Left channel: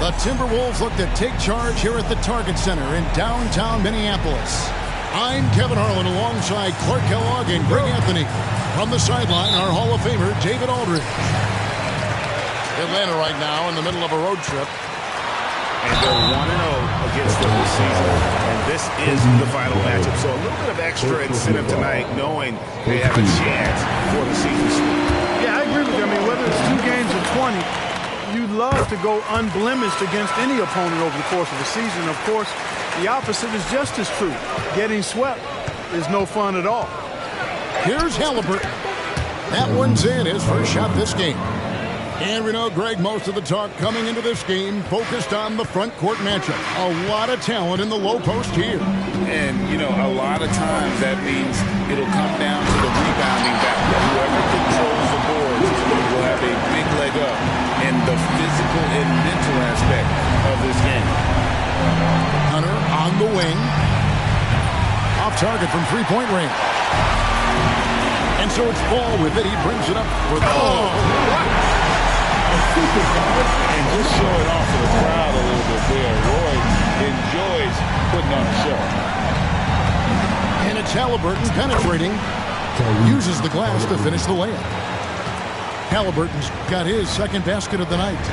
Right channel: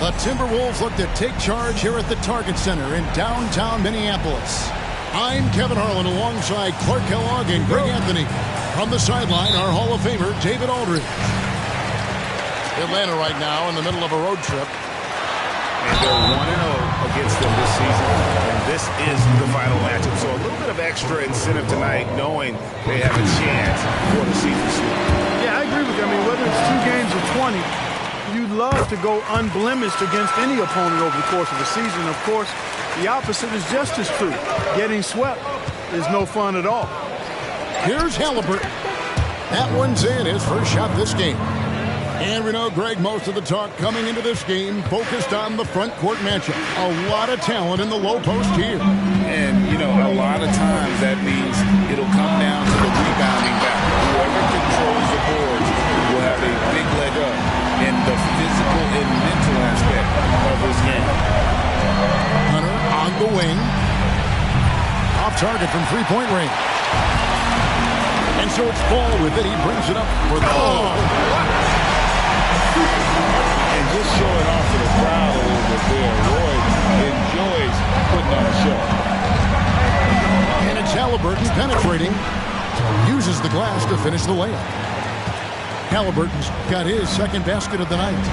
The Timberwolves look to take charge here at the Target Center in downtown Minneapolis. I'm Kevin Harlan alongside Clark Kellogg and Greg Anthony. From the sideline, our Hall of Famer, David Aldridge. Atlanta right now in the middle of a road trip. And they're 1-0 against them this season. And this is the final matchup. So a little bit of extra incentive tonight, knowing they have a chance for the season sweep. Yeah, I agree with you. I mean, whether it's 2 games or 20, you'd love to go unblemished against any opponent over the course of a season. Of course, the opposite is just as true. Getting swept is no fun at all. Here's Halliburton. That one's in, his first shot this game. And we know, Greg, most of the talk coming into this game focused on the front court matchup. A lot of talent in the low post here. And, you know, a lot of times that means it'll come down to the rebounding battle. Whoever controls the boards will have a big leg up in the physical and mental aspect of this game. Hunter on the wing. Off target from three-point range. And so it's Ball with it. He brings it up for the... And just showing off for the crowd a little bit there. Roy enjoys putting on a show. And it's Halliburton penetrating. Uses the glass to finish the layup. Halliburton's got his second basket of the night.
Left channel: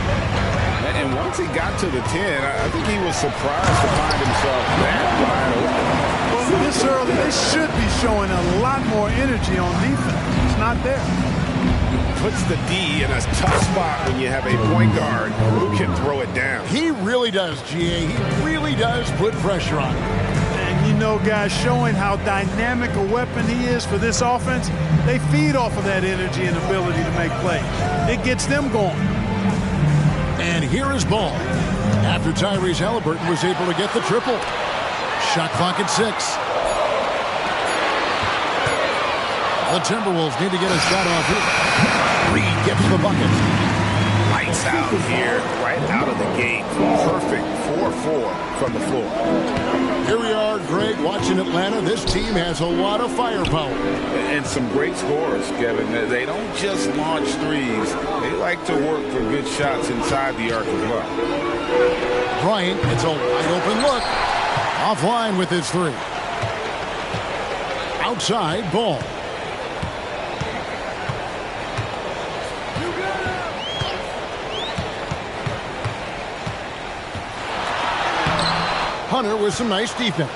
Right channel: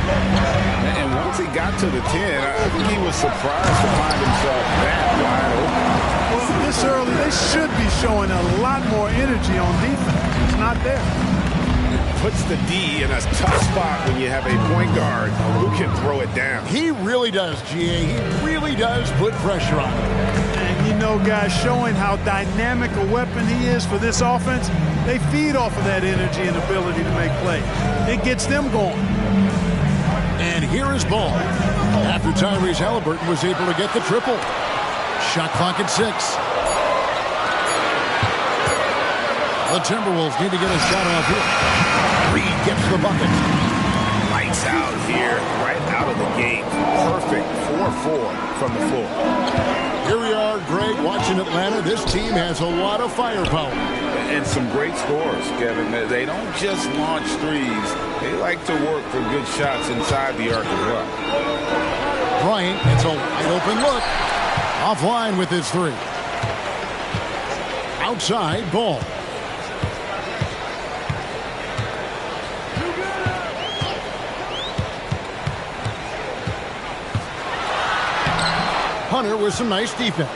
And once he got to the 10, I think he was surprised to find himself that wide open. Well, this early, they should be showing a lot more energy on defense. It's not there. Puts the D in a tough spot when you have a point guard who can throw it down. He really does, GA. He really does put pressure on him. And you know, guys, showing how dynamic a weapon he is for this offense, they feed off of that energy and ability to make plays. It gets them going. And here is Ball. After Tyrese Halliburton was able to get the triple. Shot clock at 6. The Timberwolves need to get a shot off here. Reed gets the bucket. Lights out here, right out of the gate. Perfect 4-4 from the floor. Here we are, Greg, watching Atlanta. This team has a lot of firepower. And some great scores, Kevin. They don't just launch threes. They like to work for good shots inside the arc as well. Bryant gets a wide open look. Offline with his 3. Outside, Ball. Hunter with some nice defense.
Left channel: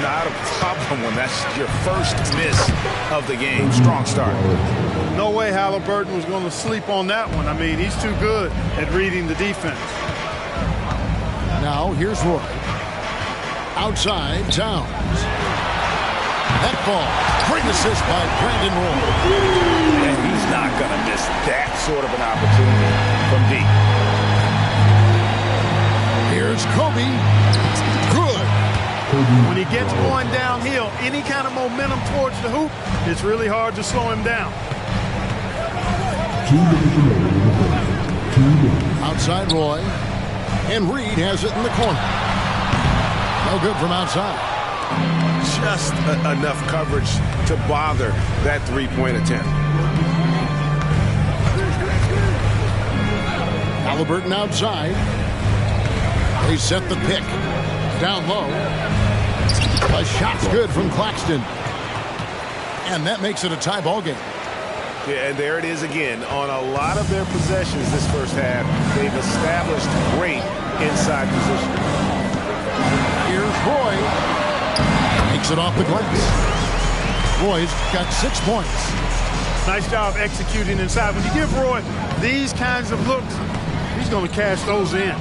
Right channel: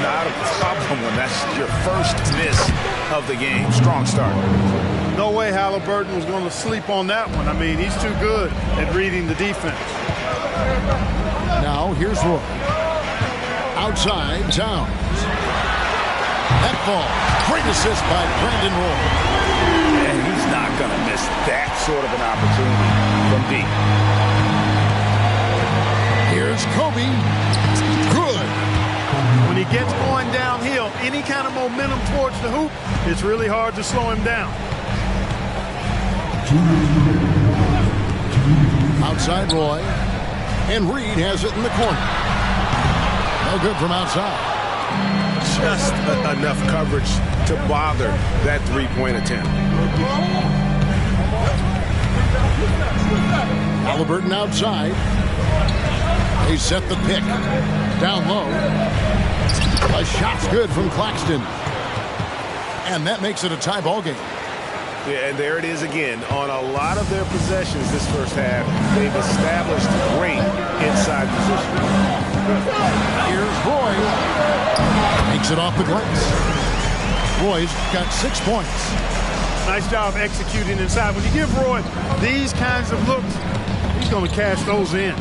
Not a problem when that's your first miss of the game. Strong start. No way Halliburton was going to sleep on that one. I mean, he's too good at reading the defense. Now, here's Roy. Outside, Towns. That ball. Great assist by Brandon Roy. And he's not going to miss that sort of an opportunity from deep. Here's Kobe. Good. When he gets going downhill, any kind of momentum towards the hoop, it's really hard to slow him down. Outside Roy. And Reed has it in the corner. No good from outside. Just enough coverage to bother that three-point attempt. Halliburton outside. They set the pick. Down low. A shot's good from Claxton. And that makes it a tie ball game. Yeah, and there it is again. On a lot of their possessions this first half, they've established great inside position. Here's Roy. Makes it off the glass. Roy's got 6 points. Nice job executing inside. When you give Roy these kinds of looks, he's going to cash those in.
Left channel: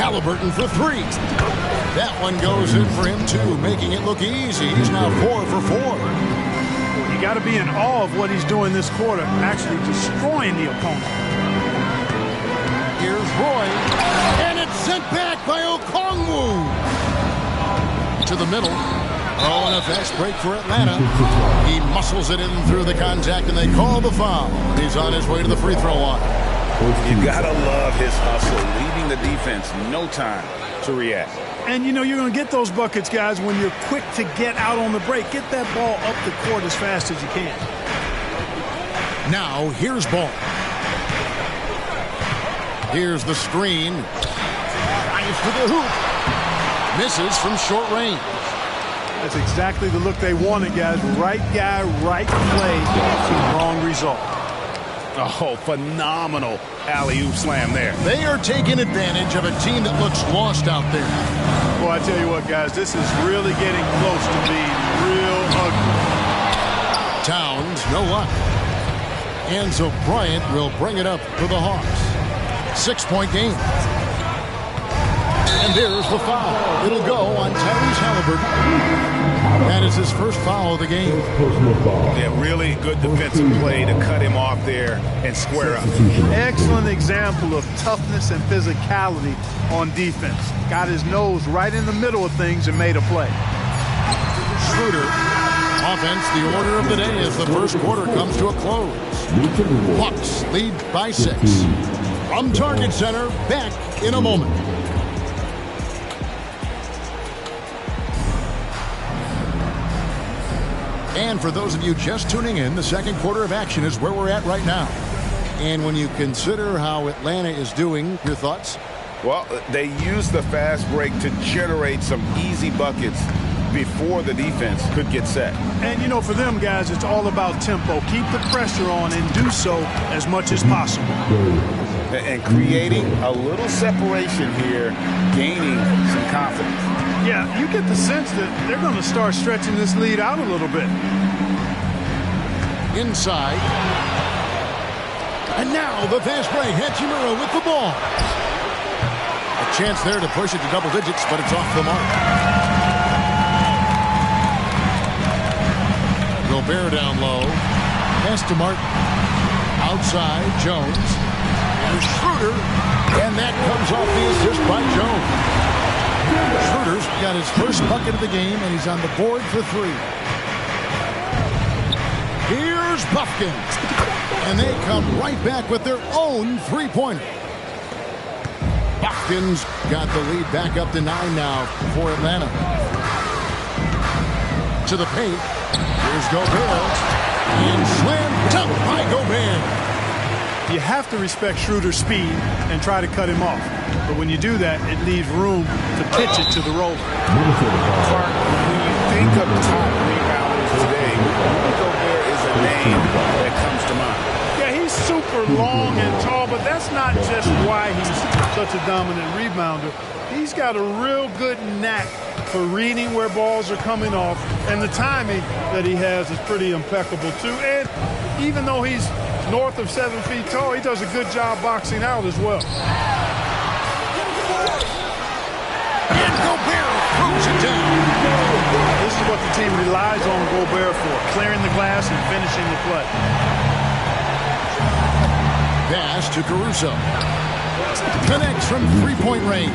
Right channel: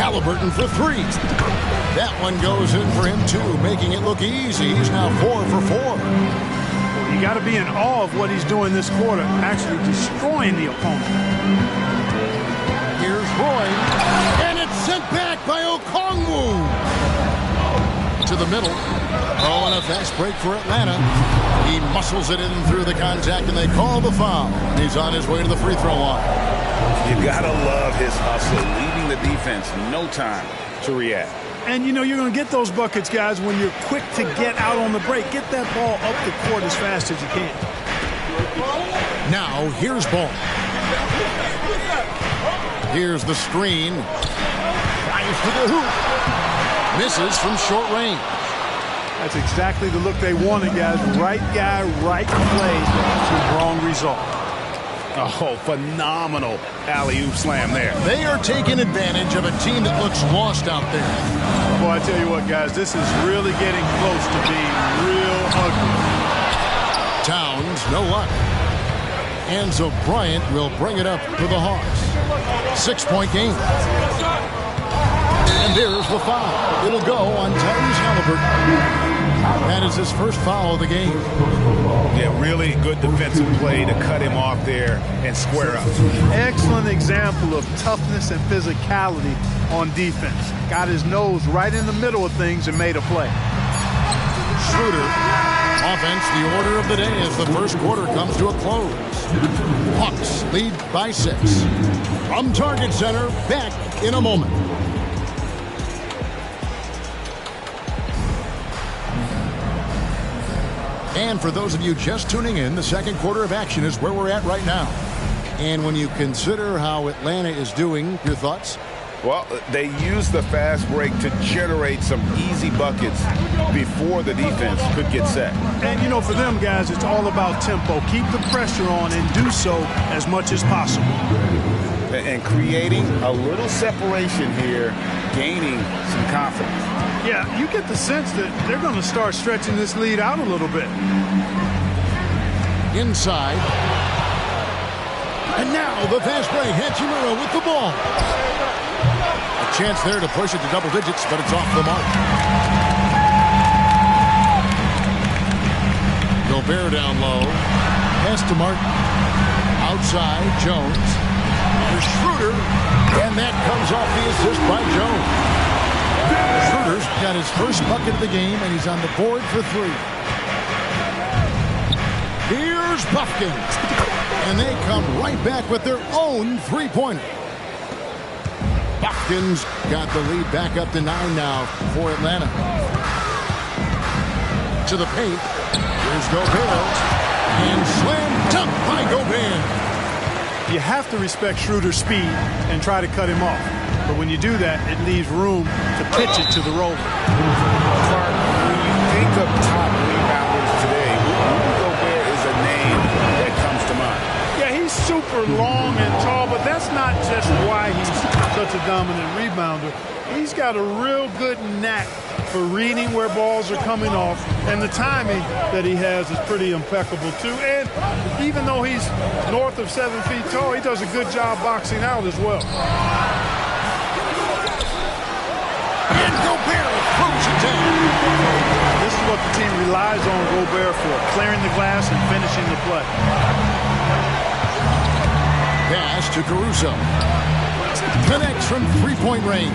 Halliburton for three. That one goes in for him, too, making it look easy. He's now 4 for 4. Well, you got to be in awe of what he's doing this quarter, actually destroying the opponent. Here's Roy, and it's sent back by Okongwu. To the middle. Oh, and a fast break for Atlanta. He muscles it in through the contact, and they call the foul. He's on his way to the free throw line. You gotta love his hustle, leaving the defense no time to react. And, you know, you're going to get those buckets, guys, when you're quick to get out on the break. Get that ball up the court as fast as you can. Now, here's Ball. Here's the screen. Drives to the hoop. Misses from short range. That's exactly the look they wanted, guys. Right guy, right play, wrong result. Oh, phenomenal alley-oop slam there. They are taking advantage of a team that looks lost out there. Boy, I tell you what, guys, this is really getting close to being real ugly. Towns, no luck. Enzo Bryant will bring it up for the Hawks. 6-point game. And there's the foul. It'll go on Tyrese Halliburton. That is his first foul of the game. Yeah, really good defensive play to cut him off there and square up. Excellent example of toughness and physicality on defense. Got his nose right in the middle of things and made a play. Schroeder. Offense, the order of the day as the first quarter comes to a close. Hawks lead by 6. From Target Center, back in a moment. And for those of you just tuning in, the second quarter of action is where we're at right now. And when you consider how Atlanta is doing, your thoughts? Well, they use the fast break to generate some easy buckets before the defense could get set. And, you know, for them, guys, it's all about tempo. Keep the pressure on and do so as much as possible. And creating a little separation here, gaining some confidence. Yeah, you get the sense that they're going to start stretching this lead out a little bit. Inside. And now the fast break. Hachimura with the ball. A chance there to push it to double digits, but it's off the mark. Gobert down low. Pass to Martin. Outside, Jones. There's Schroeder. And that comes off the assist by Jones. Schroeder's got his first bucket of the game, and he's on the board for 3. Here's Buffkins. And they come right back with their own three-pointer. Buffkins got the lead back up to 9 now for Atlanta. To the paint. Here's Gobert. And slam dunk by Gobert. You have to respect Schroeder's speed and try to cut him off. But when you do that, it leaves room to pitch it to the roller. Clark, when you think of top rebounders today, Rudy Gobert is a name that comes to mind. Yeah, he's super long and tall, but that's not just why he's such a dominant rebounder. He's got a real good knack for reading where balls are coming off, and the timing that he has is pretty impeccable too. And even though he's north of 7 feet tall, he does a good job boxing out as well. And Gobert throws it down. This is what the team relies on Gobert for, clearing the glass and finishing the play. Pass to Caruso. Connects from three-point range.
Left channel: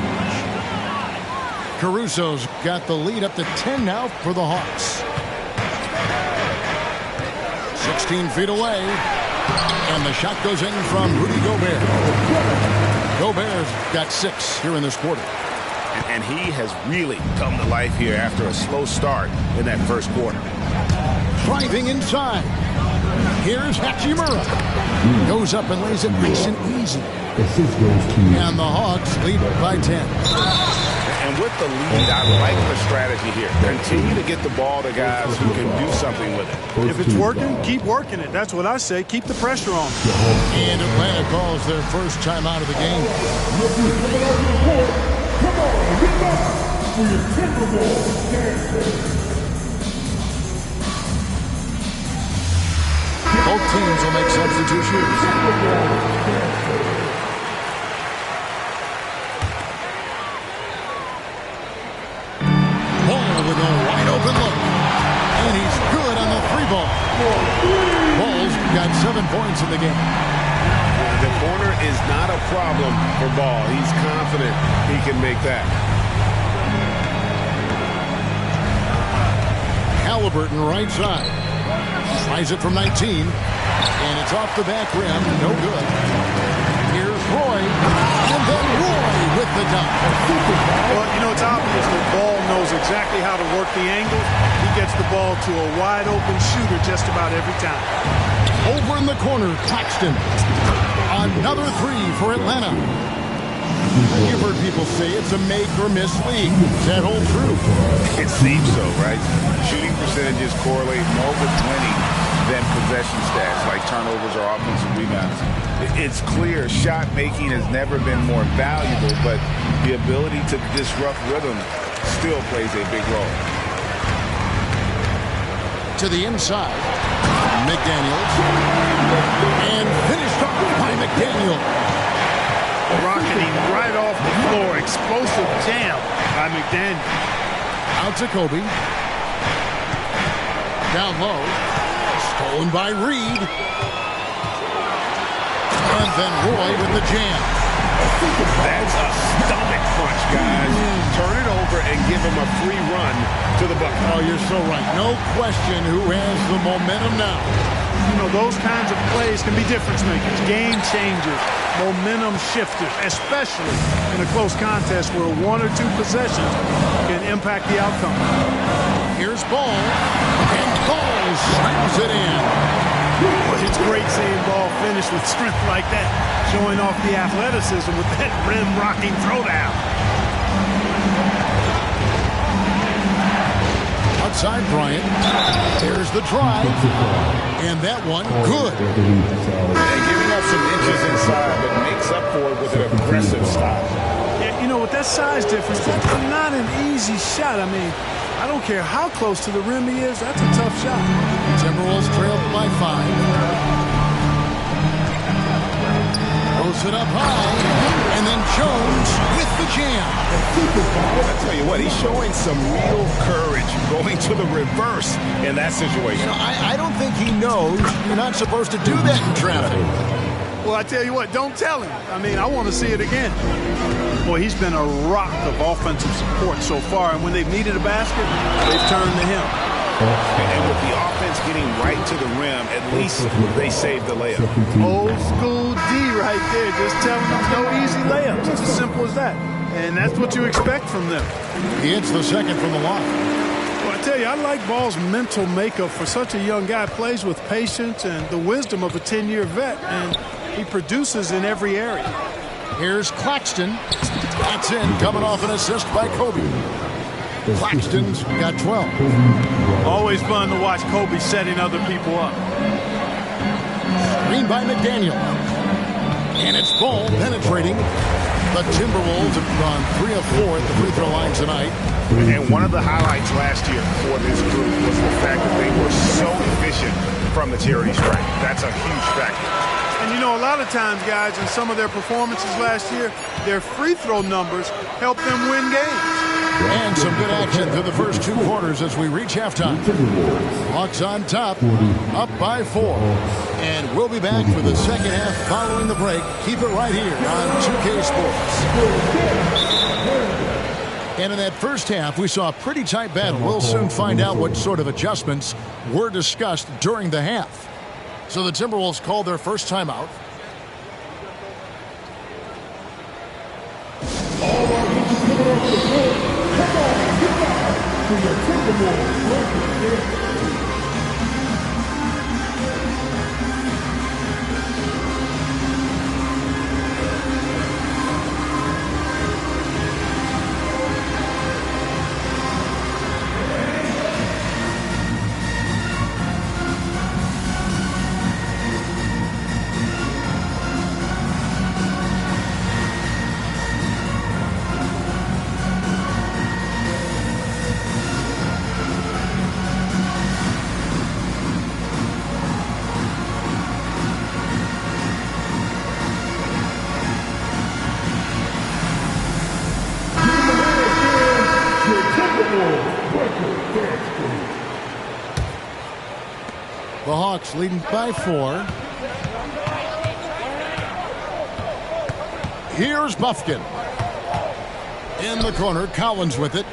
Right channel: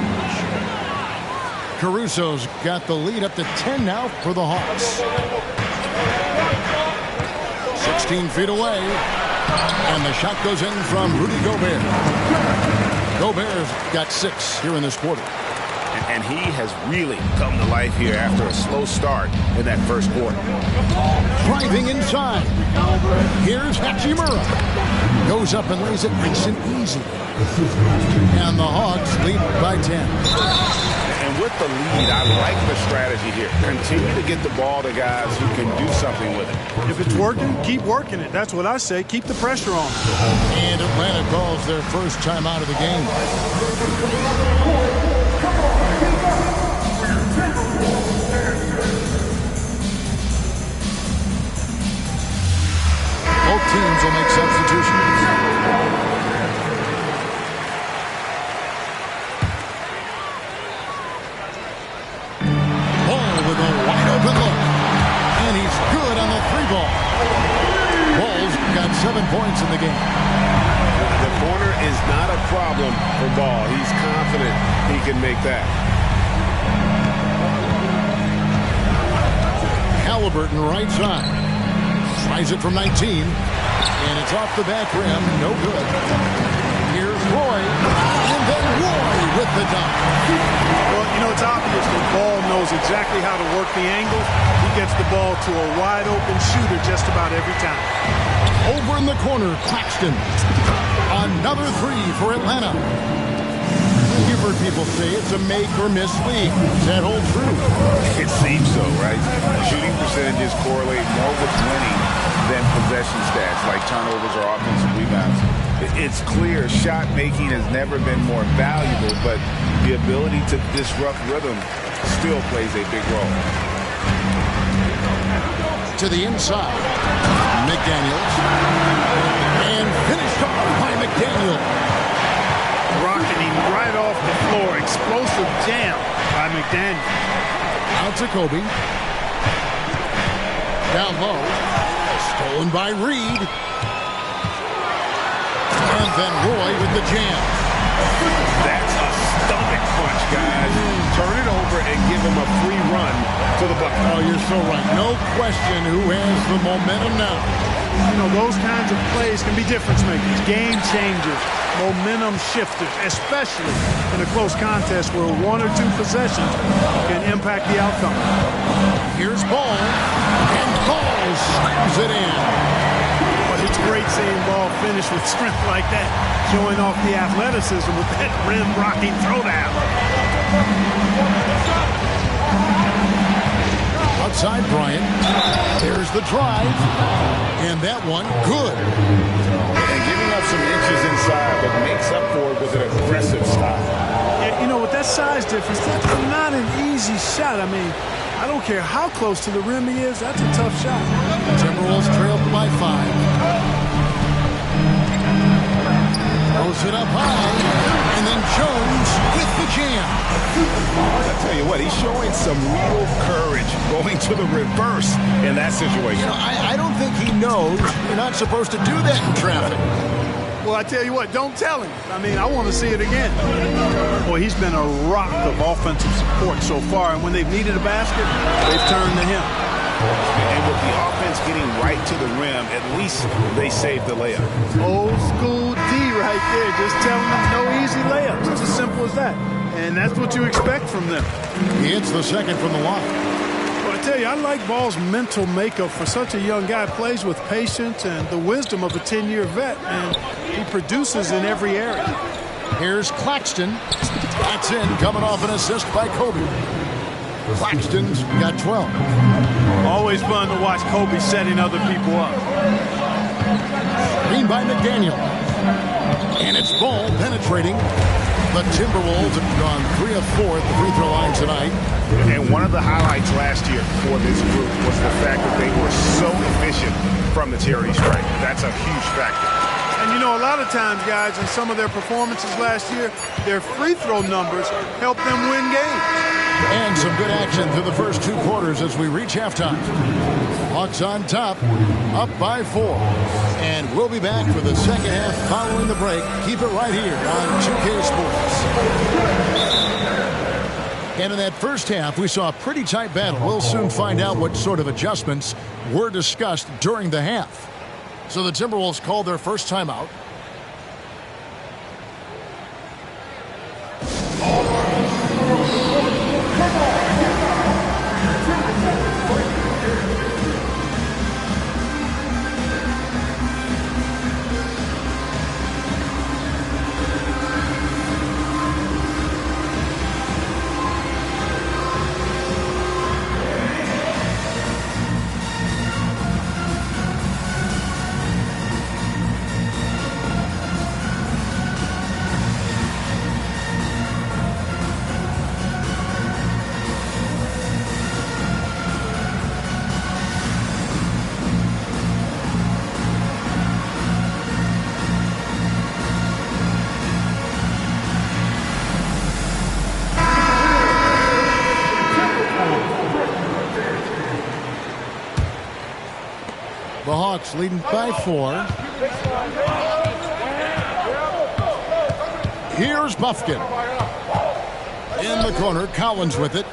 Caruso's got the lead up to 10 now for the Hawks. 16 feet away. And the shot goes in from Rudy Gobert. Gobert's got 6 here in this quarter. And he has really come to life here after a slow start in that first quarter. Driving inside. Here's Hachimura. Goes up and lays it nice and easy. And the Hawks lead by 10. And with the lead, I like the strategy here. Continue to get the ball to guys who can do something with it. If it's working, keep working it. That's what I say. Keep the pressure on. And Atlanta calls their first timeout of the game. Both teams will make substitutions. with a wide open look. And he's good on the 3-ball. Ball's got 7 points in the game. The corner is not a problem for Ball. He's confident he can make that. Halliburton right side. Tries it from 19. And it's off the back rim. No good. Here's Roy. And then Roy with the dunk. Well, you know, it's obvious that Ball knows exactly how to work the angles. He gets the ball to a wide open shooter just about every time. Over in the corner, Claxton. Another 3 for Atlanta. You've heard people say it's a make or miss league. Does that hold true? It seems so, right? Shooting percentages correlate more with winning than possession stats like turnovers or offensive rebounds. It's clear shot making has never been more valuable, but the ability to disrupt rhythm still plays a big role. To the inside, McDaniels. And finished off by McDaniel. Rocketing right off the floor. Explosive jam by McDaniel. Out to Kobe. Down low. Stolen by Reed. And then Roy with the jam. That's a stomach punch, guys. Turn it over and give him a free run to the bucket. Oh, you're so right. No question who has the momentum now. You know, those kinds of plays can be difference makers, game changers, momentum shifters, especially in a close contest where 1 or 2 possessions can impact the outcome. Here's Ball, and Ball slams it in. Well, it's great seeing Ball finish with strength like that, showing off the athleticism with that rim-rocking throwdown. Outside Bryant. There's the drive. And that one, good. And giving up some inches inside, but makes up for it with an aggressive style. Yeah, you know, with that size difference, that's not an easy shot. I mean, I don't care how close to the rim he is, that's a tough shot. Timberwolves trailed by 5. Throws it up high, and then Jones with the jam. I tell you what, he's showing some real courage going to the reverse in that situation. You know, I don't think he knows you're not supposed to do that in traffic. Well, I tell you what, don't tell him. I mean, I want to see it again. Boy, he's been a rock of offensive support so far, and when they've needed a basket, they've turned to him. And with the offense getting right to the rim, at least they saved the layup. Old school D right there, just telling them no easy layups. It's as simple as that. And that's what you expect from them. He hits the second from the line. Well, I tell you, I like Ball's mental makeup for such a young guy. Plays with patience and the wisdom of a 10-year vet, and he produces in every area. Here's Claxton. That's in, coming off an assist by Kobe. Claxton's got 12. Always fun to watch Kobe setting other people up. Screen by McDaniel. And it's Ball penetrating. The Timberwolves have gone 3 of 4 at the free throw line tonight. And one of the highlights last year for this group was the fact that they were so efficient from the charity stripe. That's a huge factor. And you know, a lot of times, guys, in some of their performances last year, their free throw numbers helped them win games. And some good action through the first 2 quarters as we reach halftime. Hawks on top, up by 4. And we'll be back for the second half following the break. Keep it right here on 2K Sports. And in that first half, we saw a pretty tight battle. We'll soon find out what sort of adjustments were discussed during the half. So the Timberwolves called their first timeout. The Hawks leading by 4. Here's Bufkin. In the corner, Collins with it.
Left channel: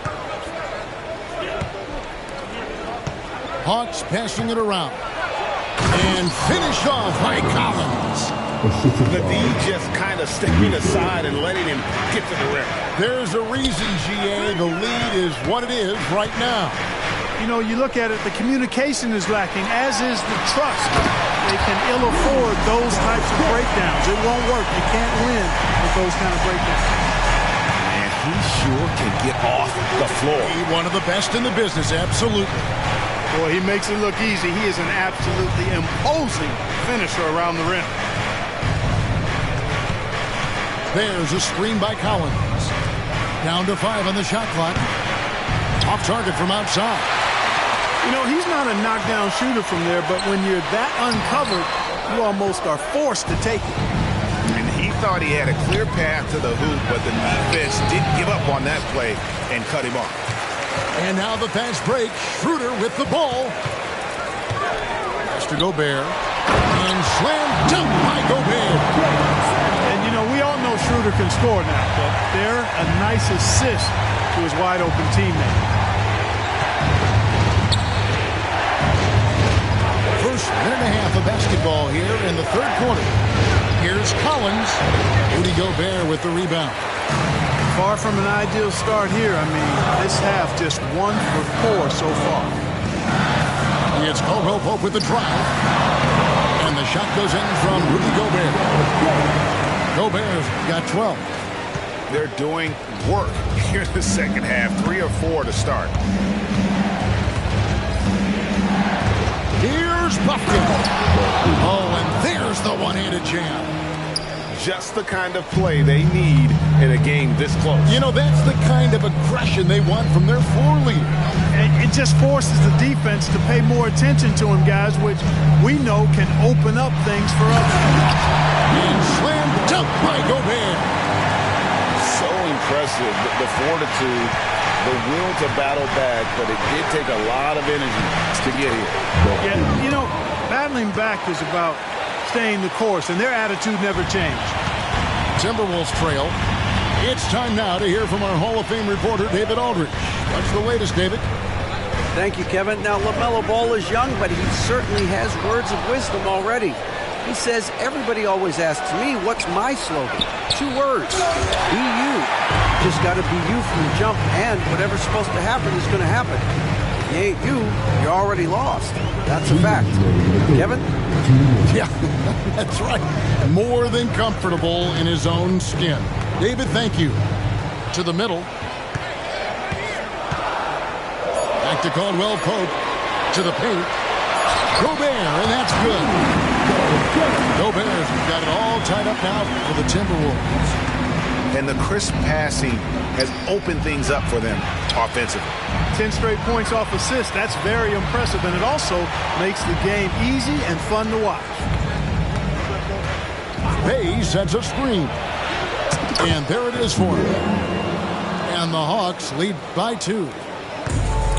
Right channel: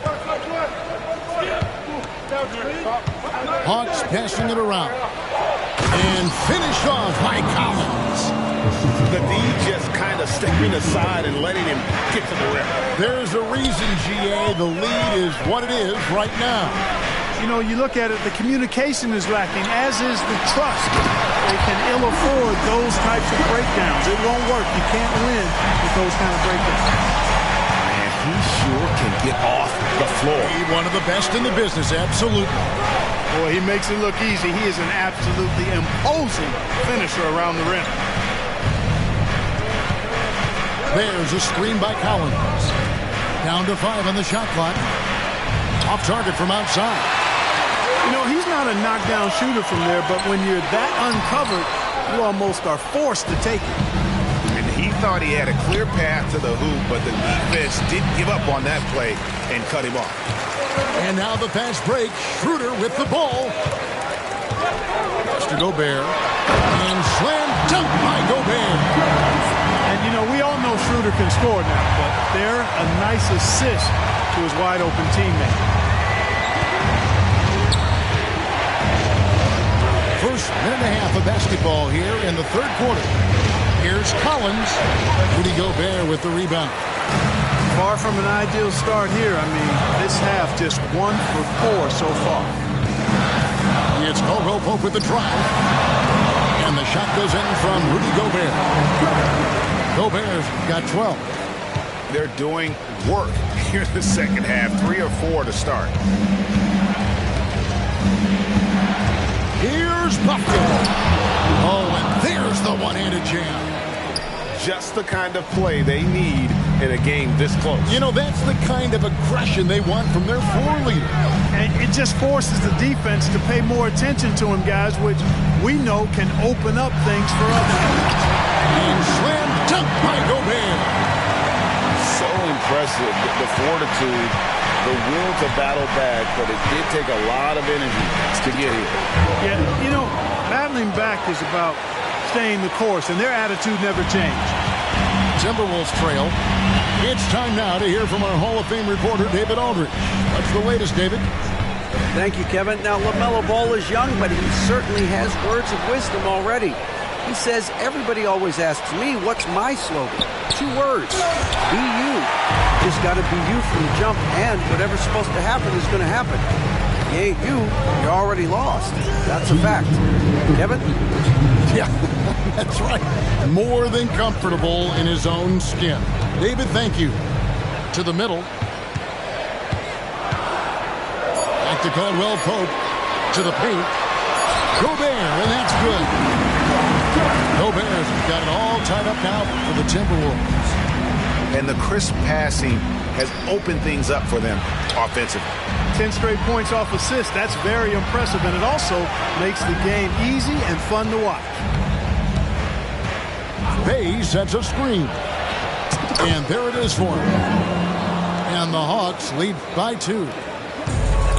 Hawks passing it around. And finished off by Collins. The D just kind of stepping aside and letting him get to the rim. There's a reason, GA, the lead is what it is right now. You know, you look at it, the communication is lacking, as is the trust. They can ill afford those types of breakdowns. It won't work. You can't win with those kind of breakdowns. Man, he sure can get off the floor. One of the best in the business, absolutely. Boy, he makes it look easy. He is an absolutely imposing finisher around the rim. There's a screen by Collins. Down to 5 on the shot clock. Off target from outside. You know, he's not a knockdown shooter from there, but when you're that uncovered, you almost are forced to take it. And he thought he had a clear path to the hoop, but the defense didn't give up on that play and cut him off. And now the fast break. Schroeder with the ball. Pass to Gobert. And slam dunk by Gobert. And, you know, we all know Schroeder can score now, but they're a nice assist to his wide-open teammate. First minute and a half of basketball here in the third quarter. Here's Collins. Rudy Gobert with the rebound. Far from an ideal start here. I mean, this half just 1 for 4 so far. It's Caldwell Pope with the drive. And the shot goes in from Rudy Gobert. Gobert's got 12. They're doing work here in the second half. 3 or 4 to start. Here's Bufkin. Oh, and there's the one-handed jam. Just the kind of play they need in a game this close. You know, that's the kind of aggression they want from their floor leader. And it just forces the defense to pay more attention to him, guys, which we know can open up things for others. And slam dunk by Gobert. So impressive, the fortitude, the will to battle back, but it did take a lot of energy to get here. Yeah, you know, battling back is about staying the course, and their attitude never changed. Timberwolves trail. It's time now to hear from our Hall of Fame reporter, David Aldridge. What's the latest, David? Thank you, Kevin. Now, LaMelo Ball is young, but he certainly has words of wisdom already. He says, everybody always asks me, what's my slogan? 2 words, be you. Just got to be you from the jump, and whatever's supposed to happen is going to happen. If you ain't you, you're already lost. That's a fact. Kevin? Yeah, that's right. More than comfortable in his own skin. David, thank you. To the middle. Back to Caldwell Pope. To the paint. Gobert, and that's good. Gobert's got it all tied up now for the Timberwolves. And the crisp passing has opened things up for them offensively. 10 straight points off assists. That's very impressive, and it also makes the game easy and fun to watch. Bay sets a screen. And there it is for him. And the Hawks lead by 2.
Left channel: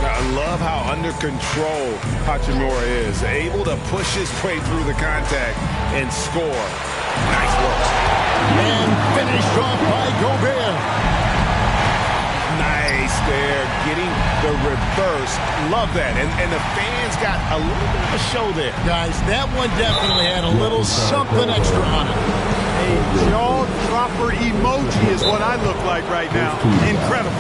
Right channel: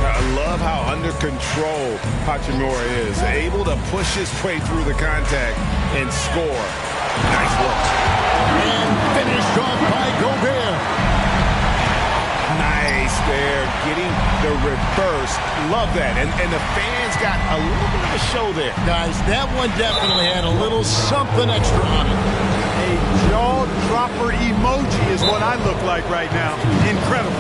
I love how under control Hachimura is. Able to push his way through the contact and score. Nice work. And finished off by Gobert. Nice there. Getting the reverse. Love that. And the fans got a little bit of a show there. Guys, that one definitely had a little something extra on it. A jaw-dropper emoji is what I look like right now. Incredible.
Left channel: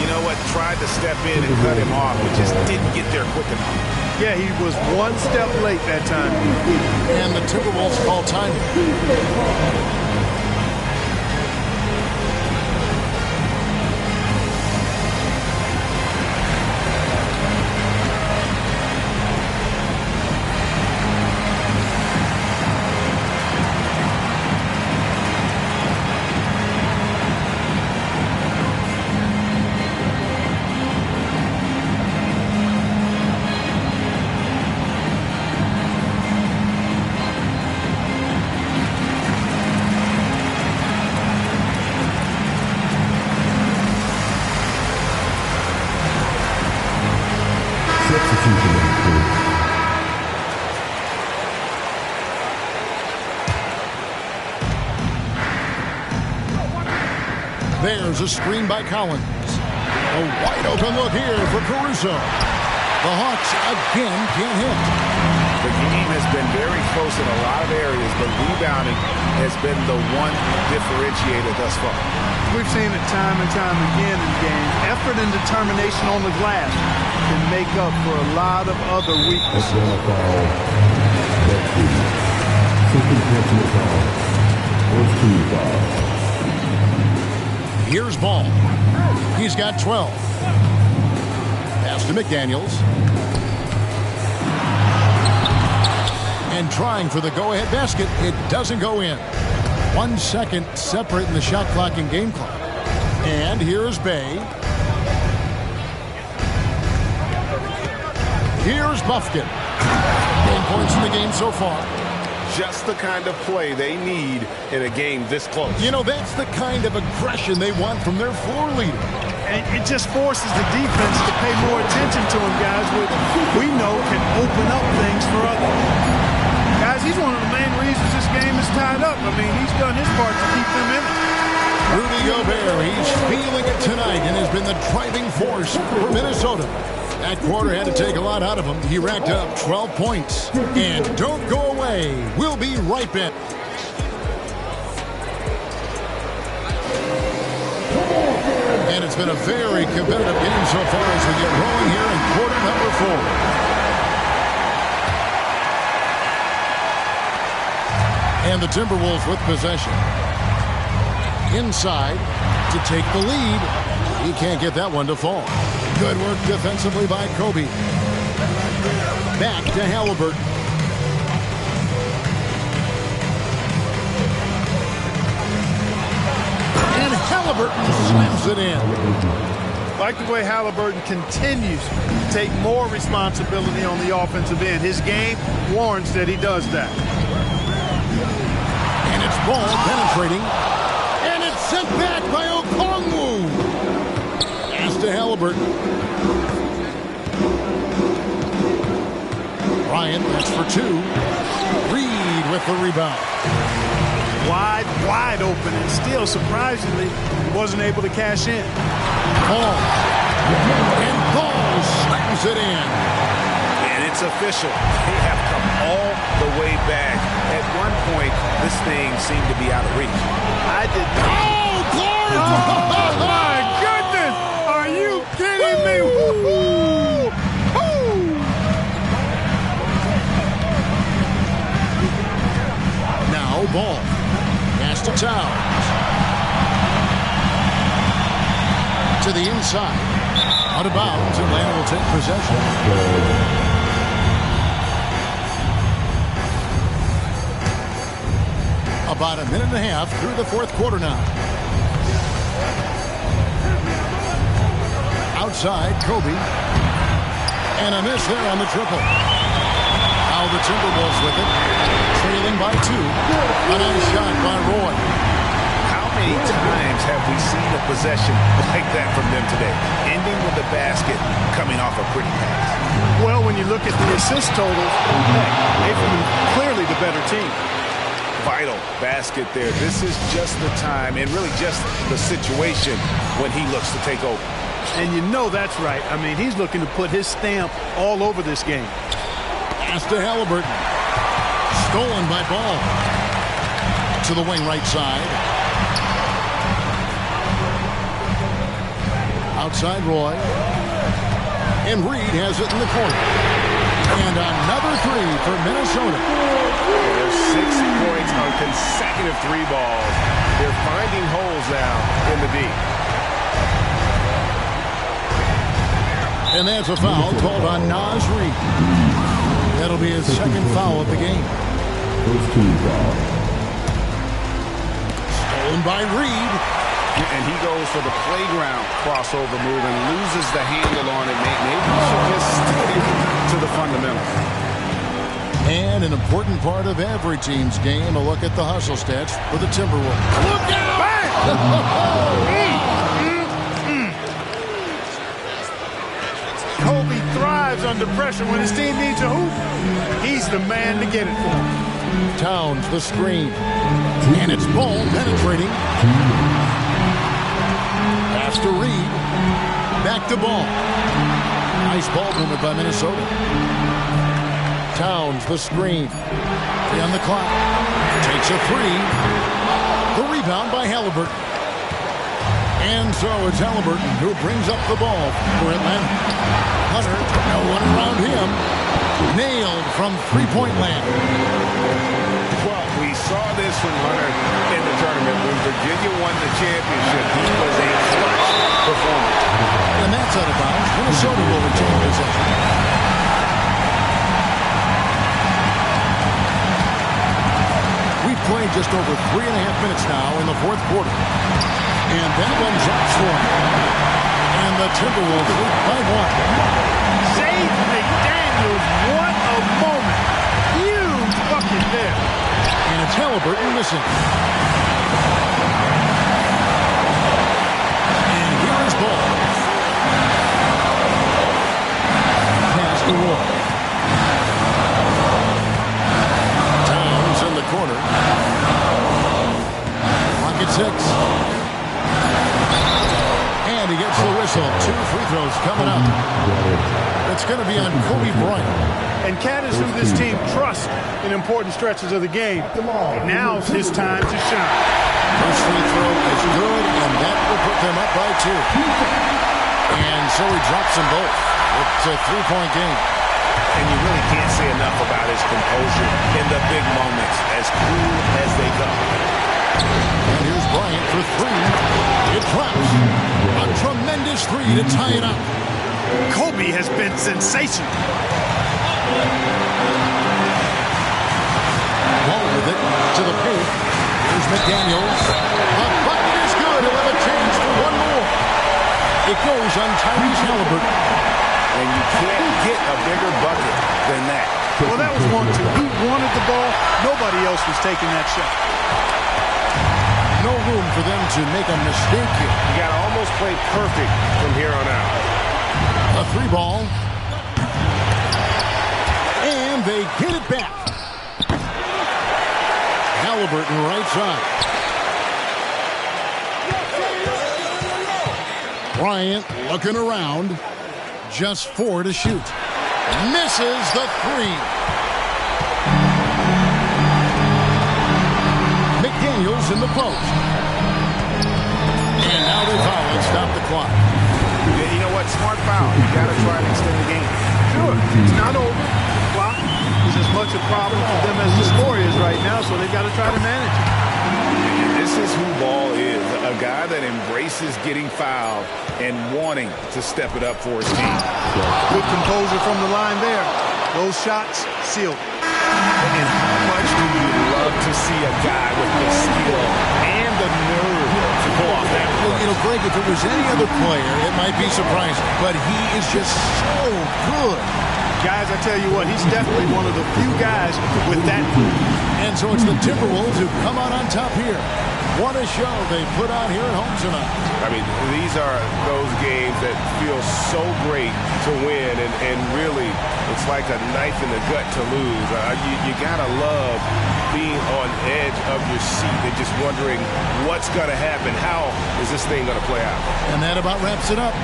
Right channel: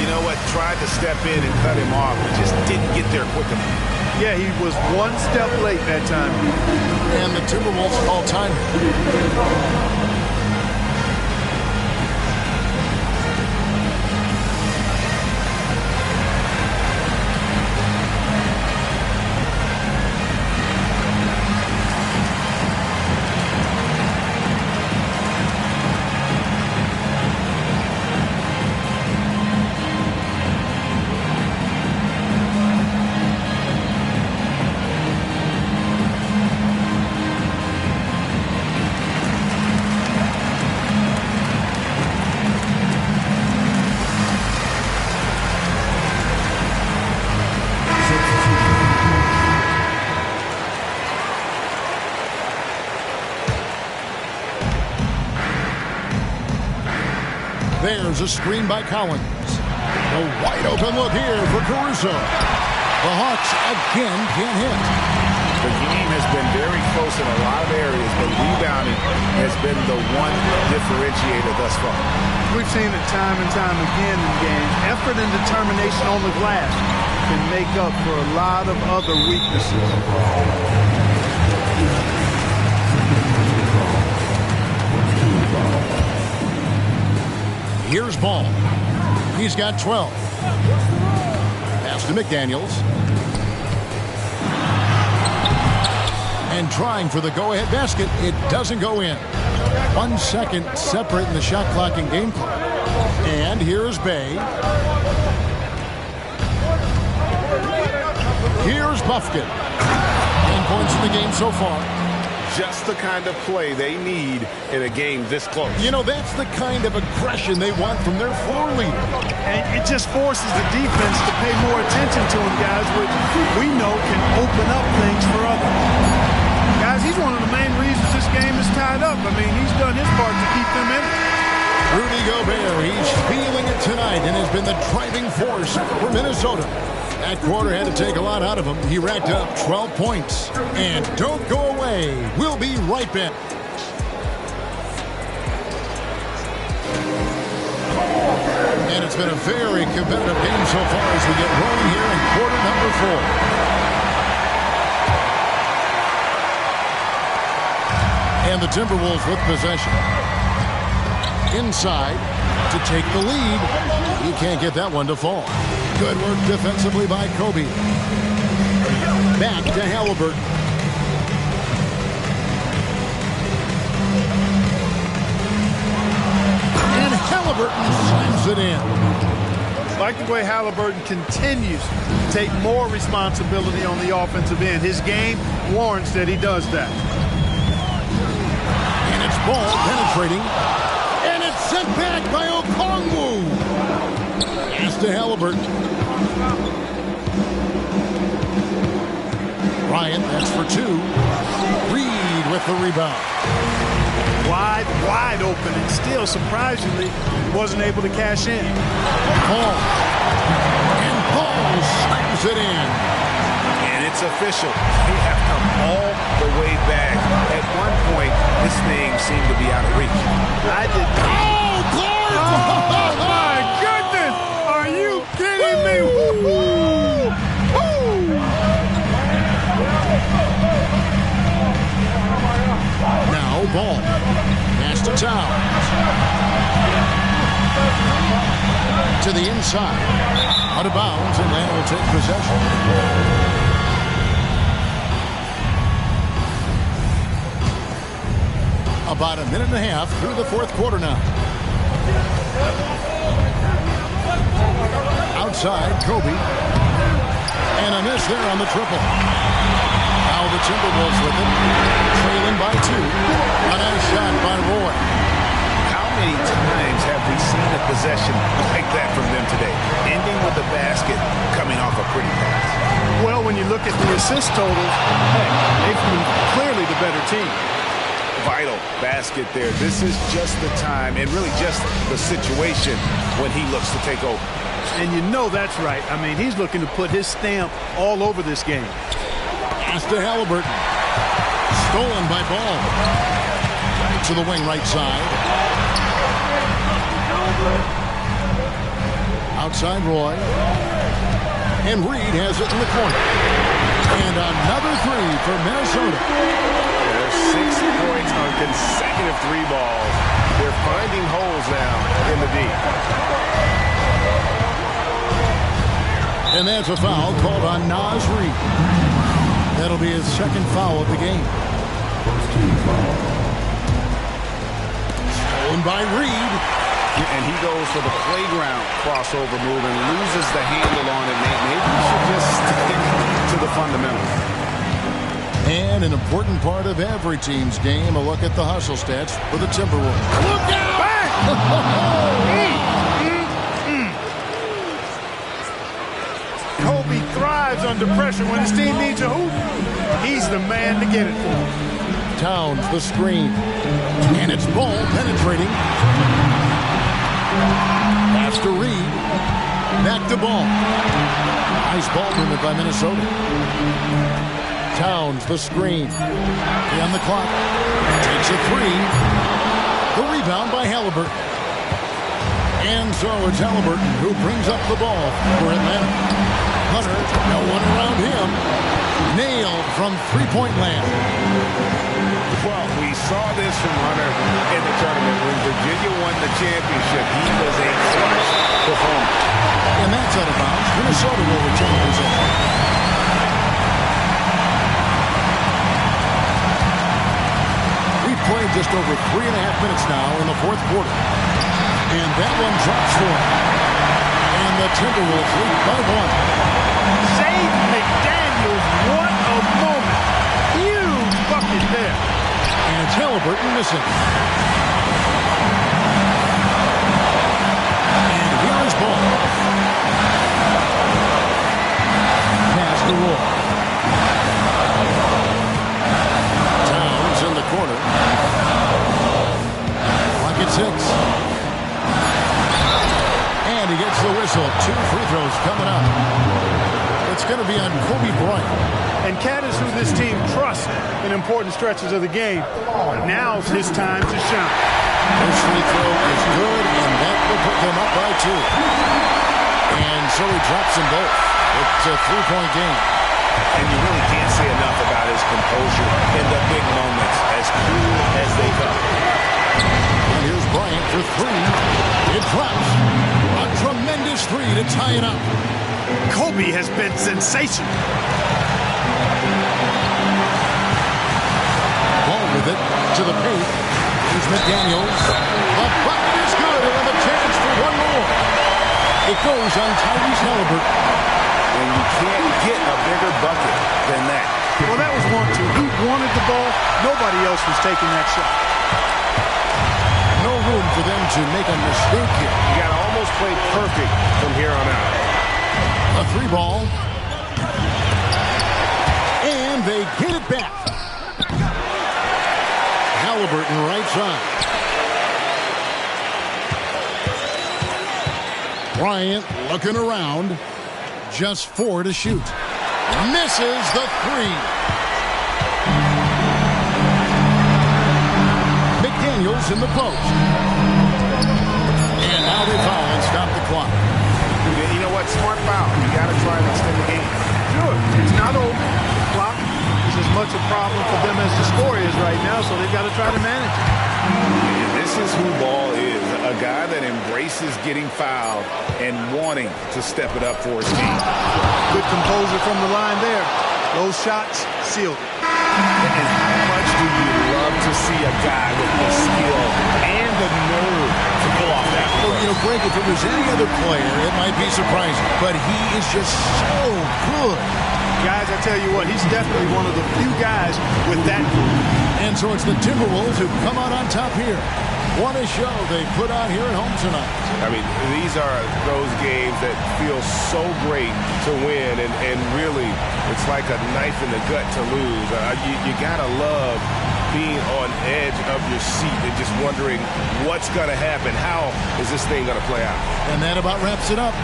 You know what? Tried to step in and cut him off, but just didn't get there quick enough. Yeah, he was 1 step late that time. And the Timberwolves call time. There's a screen by Collins. A wide open look here for Caruso. The Hawks again can't hit. The game has been very close in a lot of areas, but rebounding has been the one differentiator thus far. We've seen it time and time again in games. Effort and determination on the glass can make up for a lot of other weaknesses. Here's Ball. He's got 12. Pass to McDaniels. And trying for the go-ahead basket. It doesn't go in. 1 second separating the shot clock and game clock. And here's Bay. Here's Bufkin. 9 points in the game so far. Just the kind of play they need in a game this close. You know, that's the kind of aggression they want from their floor leader. And it just forces the defense to pay more attention to him, guys, which we know can open up things for others. Guys, he's one of the main reasons this game is tied up. I mean, he's done his part to keep them in it. Rudy Gobert, he's feeling it tonight and has been the driving force for Minnesota. That quarter had to take a lot out of him. He racked up 12 points. And don't go away. We'll be right back. And it's been a very competitive game so far as we get rolling here in quarter number 4. And the Timberwolves with possession. Inside to take the lead. He can't get that one to fall. Good work defensively by Kobe. Back to Halliburton. And Halliburton slams it in. Like the way Halliburton continues to take more responsibility on the offensive end. His game warrants that he does that. And it's Ball penetrating. And it's sent back by Okongwu. Pass to Halliburton. Bryant, that's for 2. Reed with the rebound. Wide open, and still, surprisingly, wasn't able to cash in. Paul. And Paul slams it in. And it's official. They have come all the way back. At one point, this thing seemed to be out of reach. I did not. Oh, Clark! Oh, my goodness! Are you kidding me? Woo-hoo! Now Ball. Pass to Towns. To the inside. Out of bounds. Atlanta will take possession. About a minute and a half through the 4th quarter now. Outside, Kobe. And a miss there on the triple. Now the Timberwolves with it. Trailing by 2. A nice shot by Roy. How many times have we seen a possession like that from them today? Ending with the basket, coming off a pretty pass. Well, when you look at the assist totals, hey, they've been clearly the better team. Vital basket there. This is just the time and really just the situation when he looks to take over. And you know that's right. I mean, he's looking to put his stamp all over this game. Pass to Halliburton. Stolen by Ball. To the wing right side. Outside Roy. And Reed has it in the corner. And another 3 for Minnesota. There's 6 points on consecutive 3 balls. They're finding holes now in the D. And that's a foul called on Naz Reid. That'll be his 2nd foul of the game. First team foul. Stolen by Reed. And he goes for the playground crossover move and loses the handle on it. Maybe he should just stick to the fundamentals. And an important part of every team's game, a look at the hustle stats for the Timberwolves. Look out! Kobe thrives under pressure. When his team needs a hoop, he's the man to get it for him. Towns the screen. And it's Ball penetrating. Pass to Reed. Back to Ball. Nice ball movement by Minnesota. Towns, the screen. 3 on the clock. Takes a 3. The rebound by Halliburton. And so it's Halliburton who brings up the ball for Atlanta. Hunter, no one around him. Nailed from three-point land. Well, we saw this from Hunter in the tournament. When Virginia won the championship, he was a clutch performer. And that's out of bounds. Minnesota will retain possession. We've played just over 3.5 minutes now in the fourth quarter. And that one drops for him. And the Timberwolves lead by 1. Jaden McDaniels, what a moment. Huge bucket there. And it's Halliburton missing. And here is Ball. Pass to Wolf. Towns in the corner. Clock at 6. And he gets the whistle. 2 free throws coming up. It's going to be on Kobe Bryant. And Cat is who this team trusts in important stretches of the game. But now's his time to shine. First free throw is good, and that will put them up by 2. And so he drops them both. It's a 3-point game. And you really can't say enough about his composure in the big moments, as cool as they come. And here's Bryant for 3. It drops. A tremendous 3 to tie it up. Kobe has been sensational. Ball with it to the paint. Here's McDaniels. The bucket is good. He'll have a chance for one more. It goes on Tyrese Halliburton. And you can't get a bigger bucket than that. Well, that was 1-2. He wanted the ball. Nobody else was taking that shot. No room for them to make a mistake here. You got to almost play perfect from here on out. A 3 ball. And they get it back. Halliburton right side. Bryant looking around. Just 4 to shoot. Misses the 3. McDaniels in the post. And now they foul and stop the clock. You know what? Smart foul. You got to try and extend the game. Sure, it's not over. The clock is as much a problem for them as the score is right now, so they've got to try to manage it. And this is who Ball is, a guy that embraces getting fouled and wanting to step it up for his team. Good composure from the line there. Those shots sealed it. And how much do you love to see a guy with the skill and the nerve to pull off that? Well, you know, Greg, if it was any other player, it might be surprising. But he is just so good. Guys, I tell you what, he's definitely one of the few guys with that. And so it's the Timberwolves who come out on top here. What a show they put on here at home tonight. I mean, these are those games that feel so great to win, and really, it's like a knife in the gut to lose. You gotta love being on edge of your seat and just wondering what's gonna happen. How is this thing gonna play out? And that about wraps it up.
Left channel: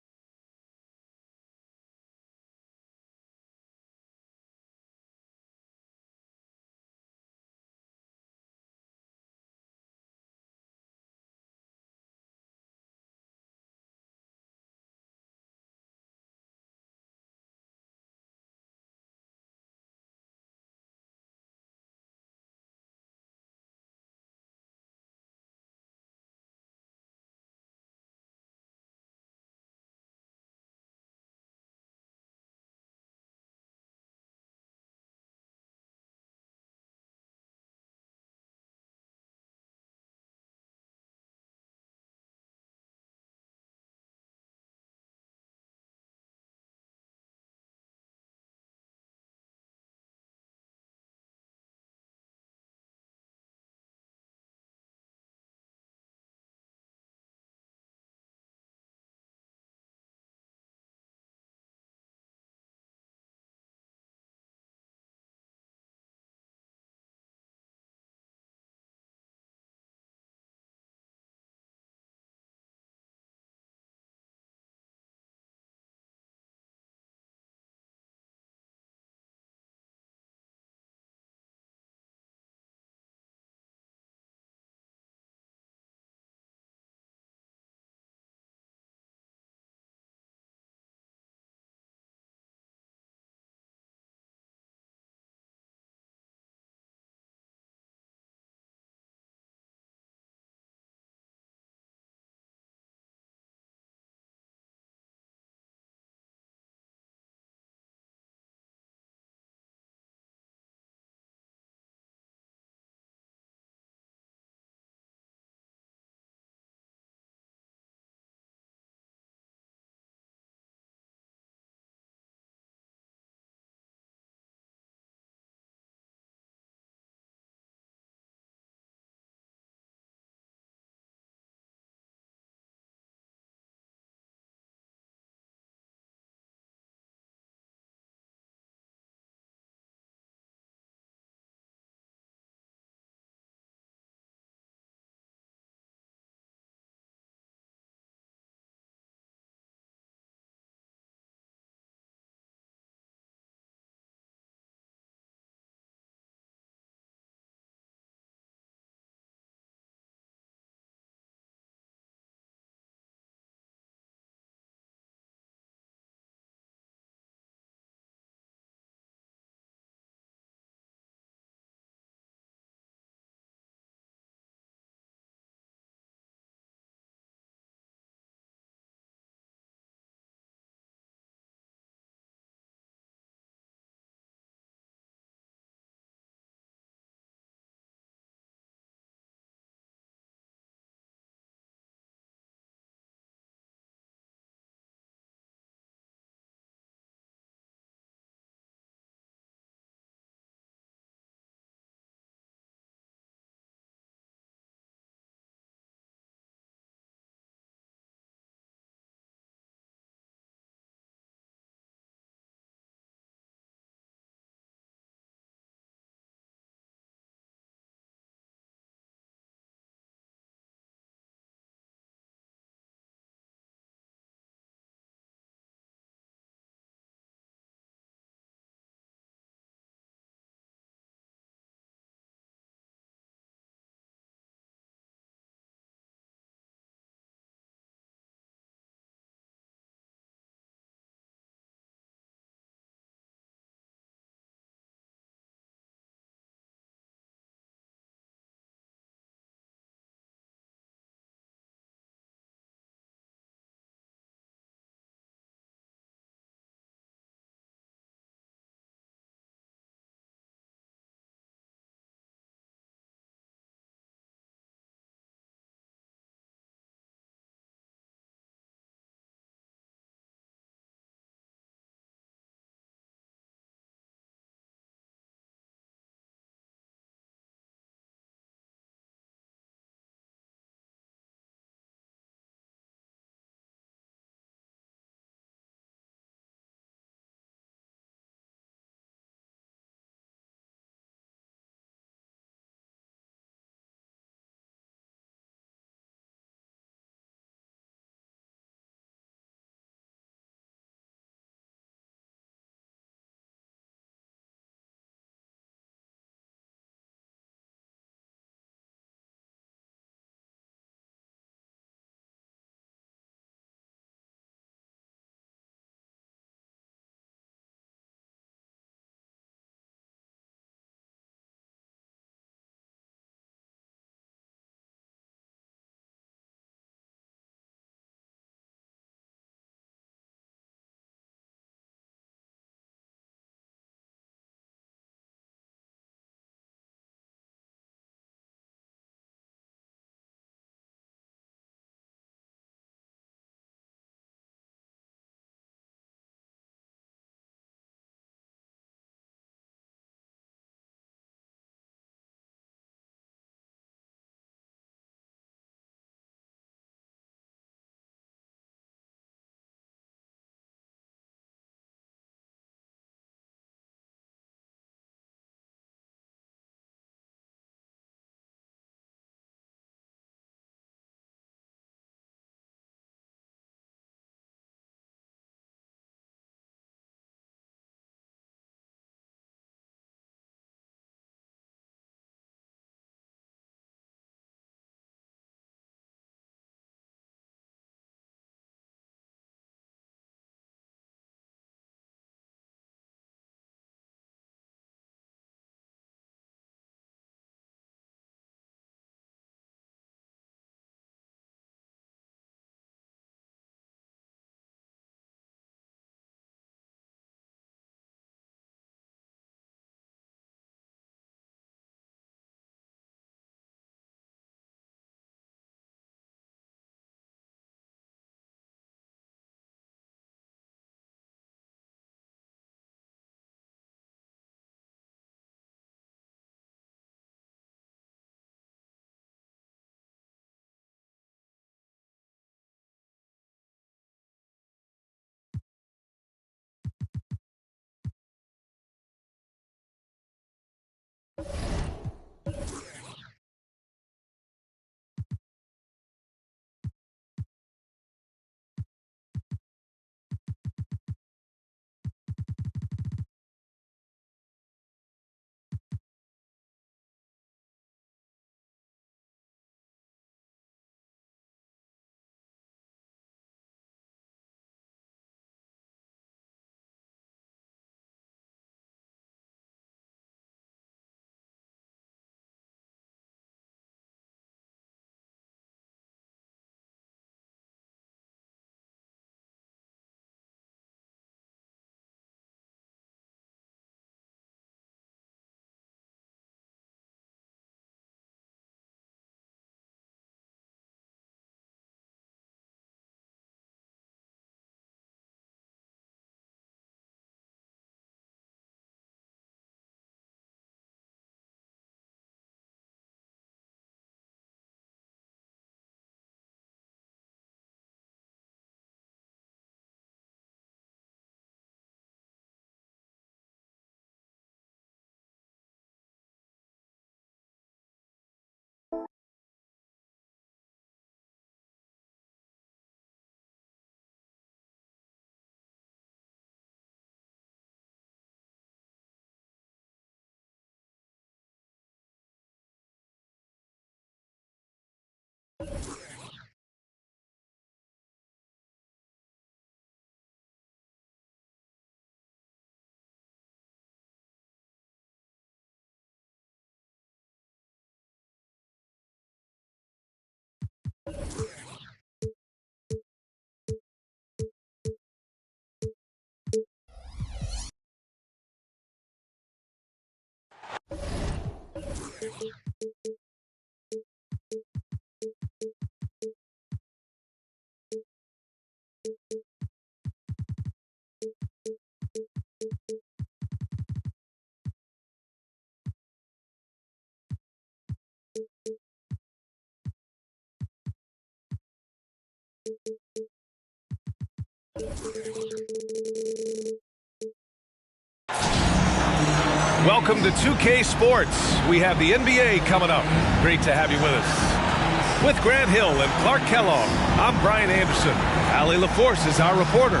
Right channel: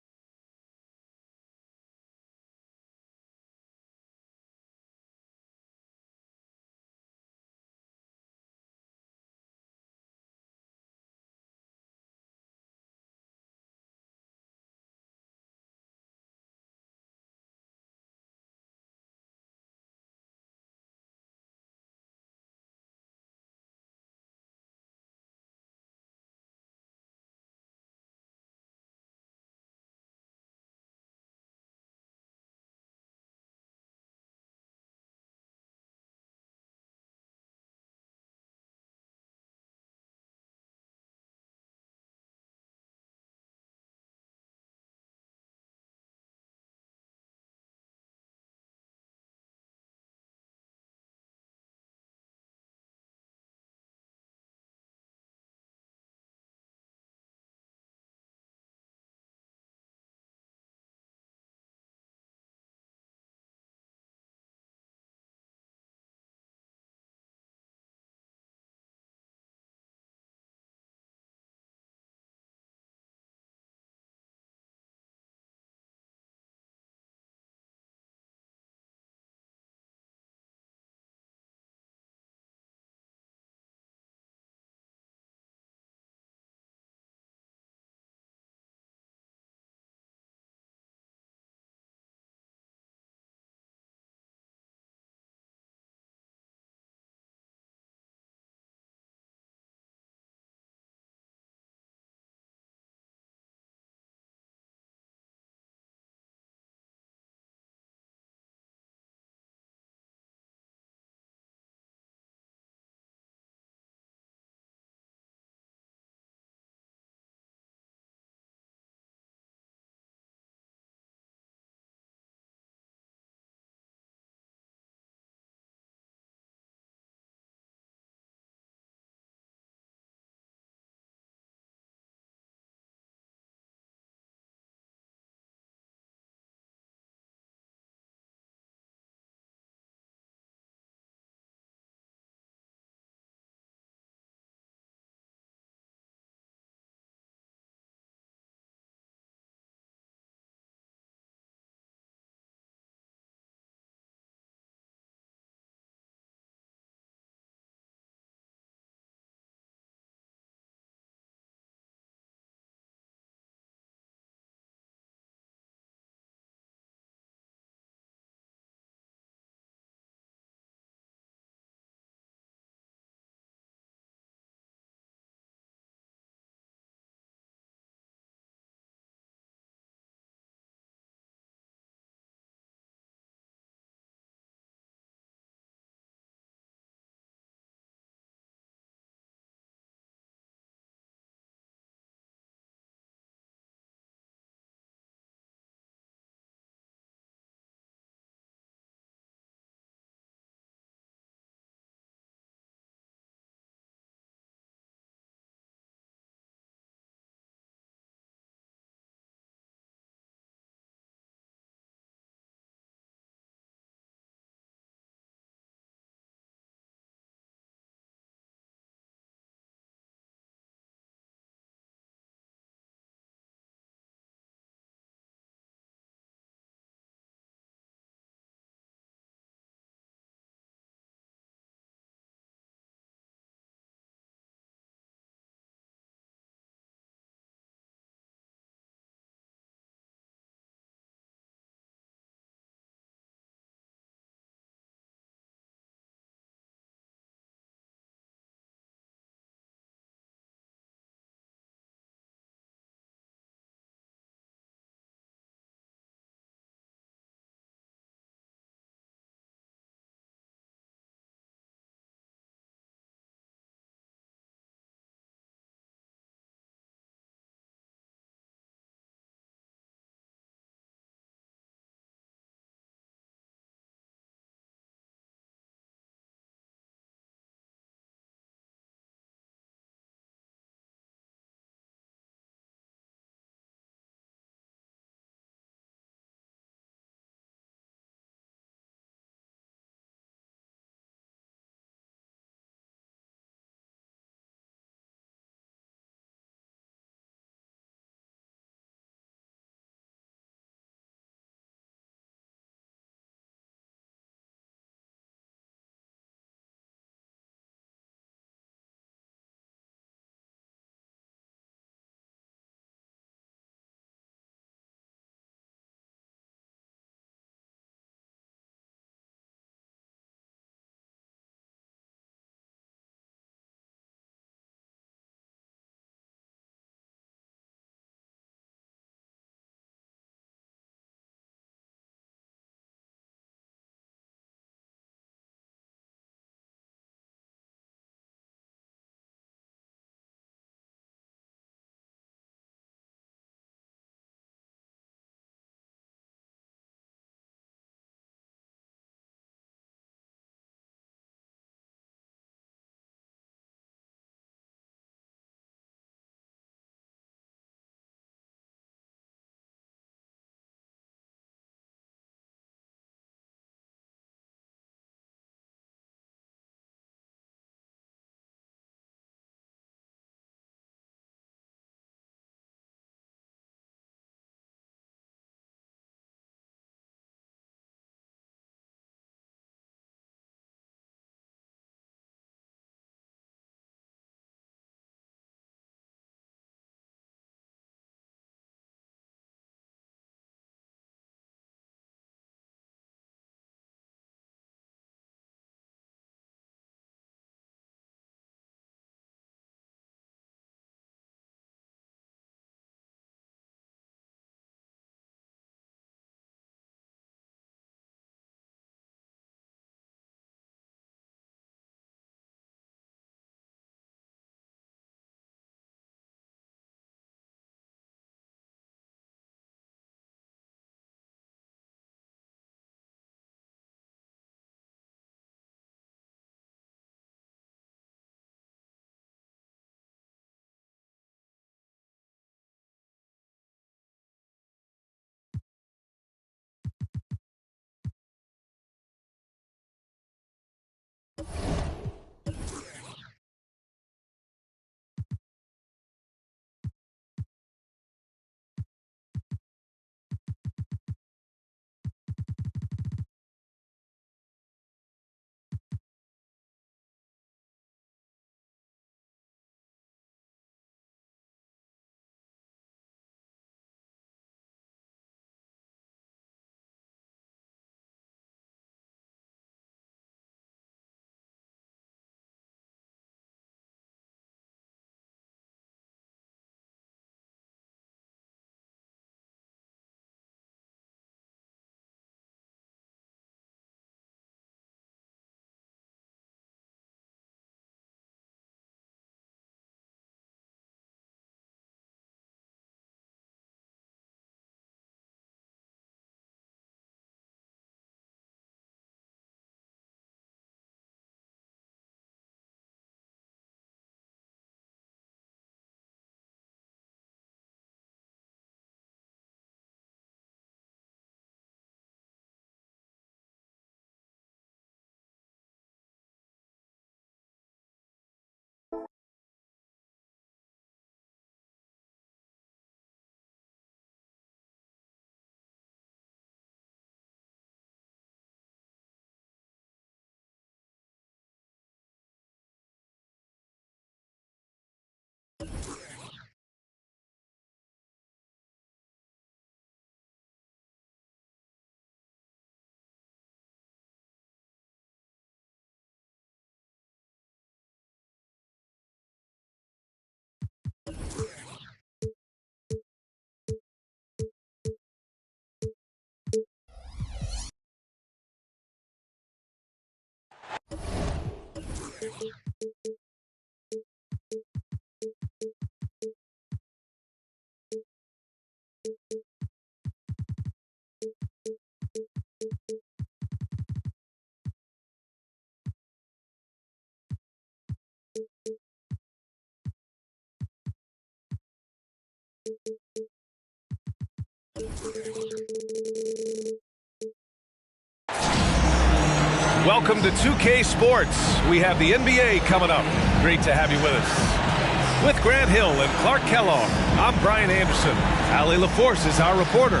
Welcome to 2K Sports. We have the NBA coming up. Great to have you with us. With Grant Hill and Clark Kellogg, I'm Brian Anderson. Allie LaForce is our reporter.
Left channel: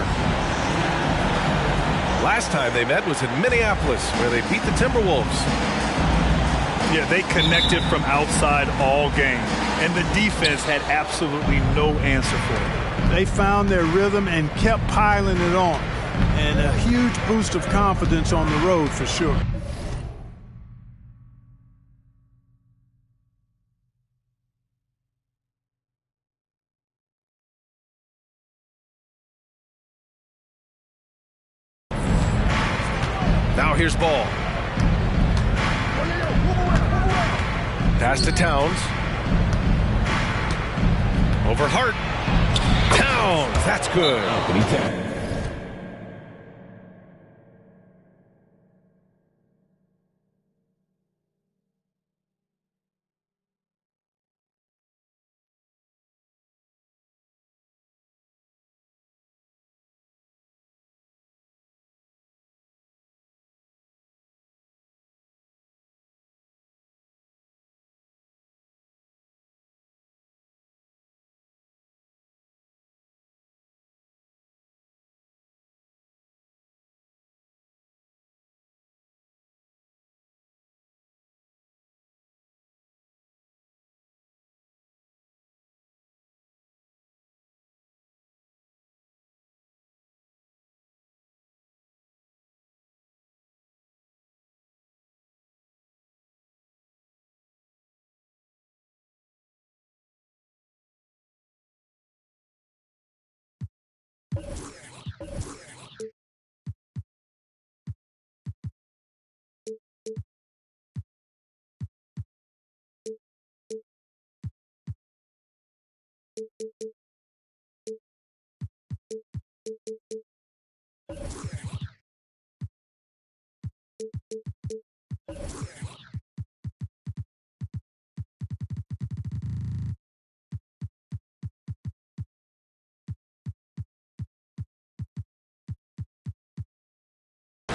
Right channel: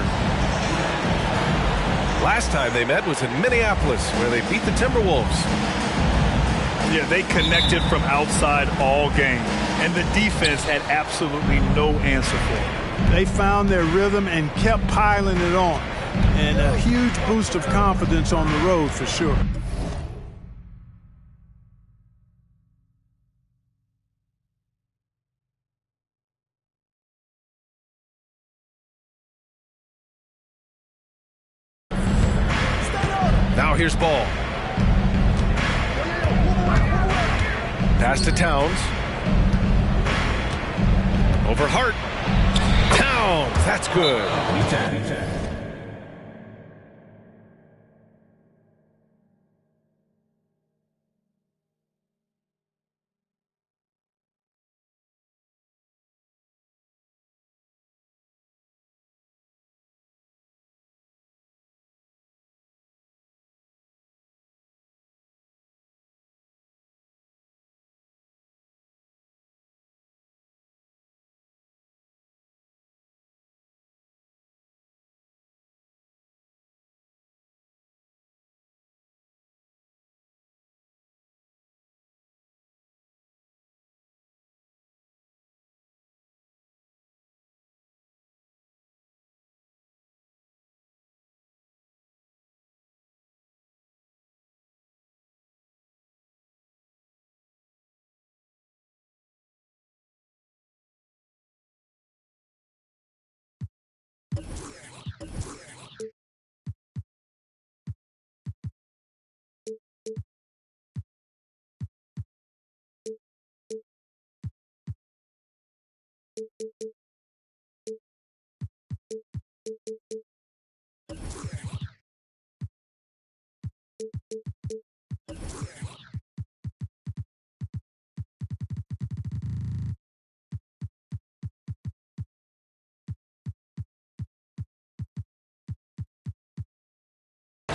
Last time they met was in Minneapolis, where they beat the Timberwolves. Yeah, they connected from outside all game, and the defense had absolutely no answer for it. They found their rhythm and kept piling it on, and a huge boost of confidence on the road for sure. Now here's Ball. Pass to Towns. Over Hart. Towns, that's good.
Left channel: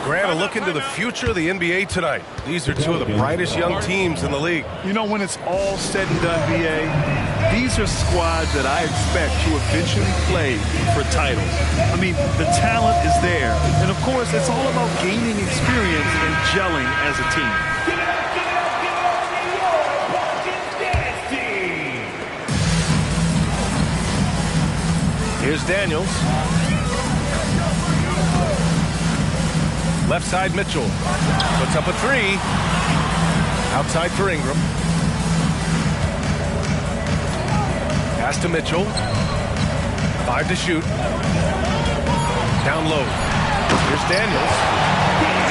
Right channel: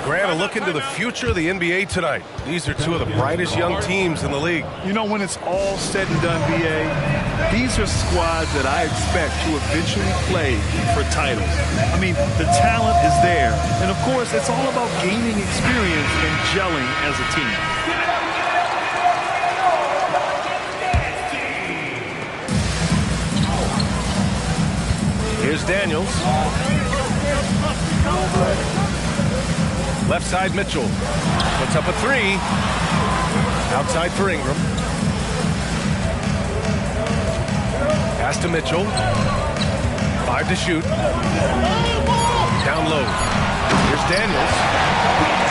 Grant, a look into the future of the NBA tonight. These are two of the brightest young teams in the league. You know, when it's all said and done, BA, these are squads that I expect to eventually play for titles. I mean, the talent is there. And, of course, it's all about gaining experience and gelling as a team. Here's Daniels. Left side, Mitchell. Puts up a three. Outside for Ingram. Pass to Mitchell. 5 to shoot. Down low. Here's Daniels.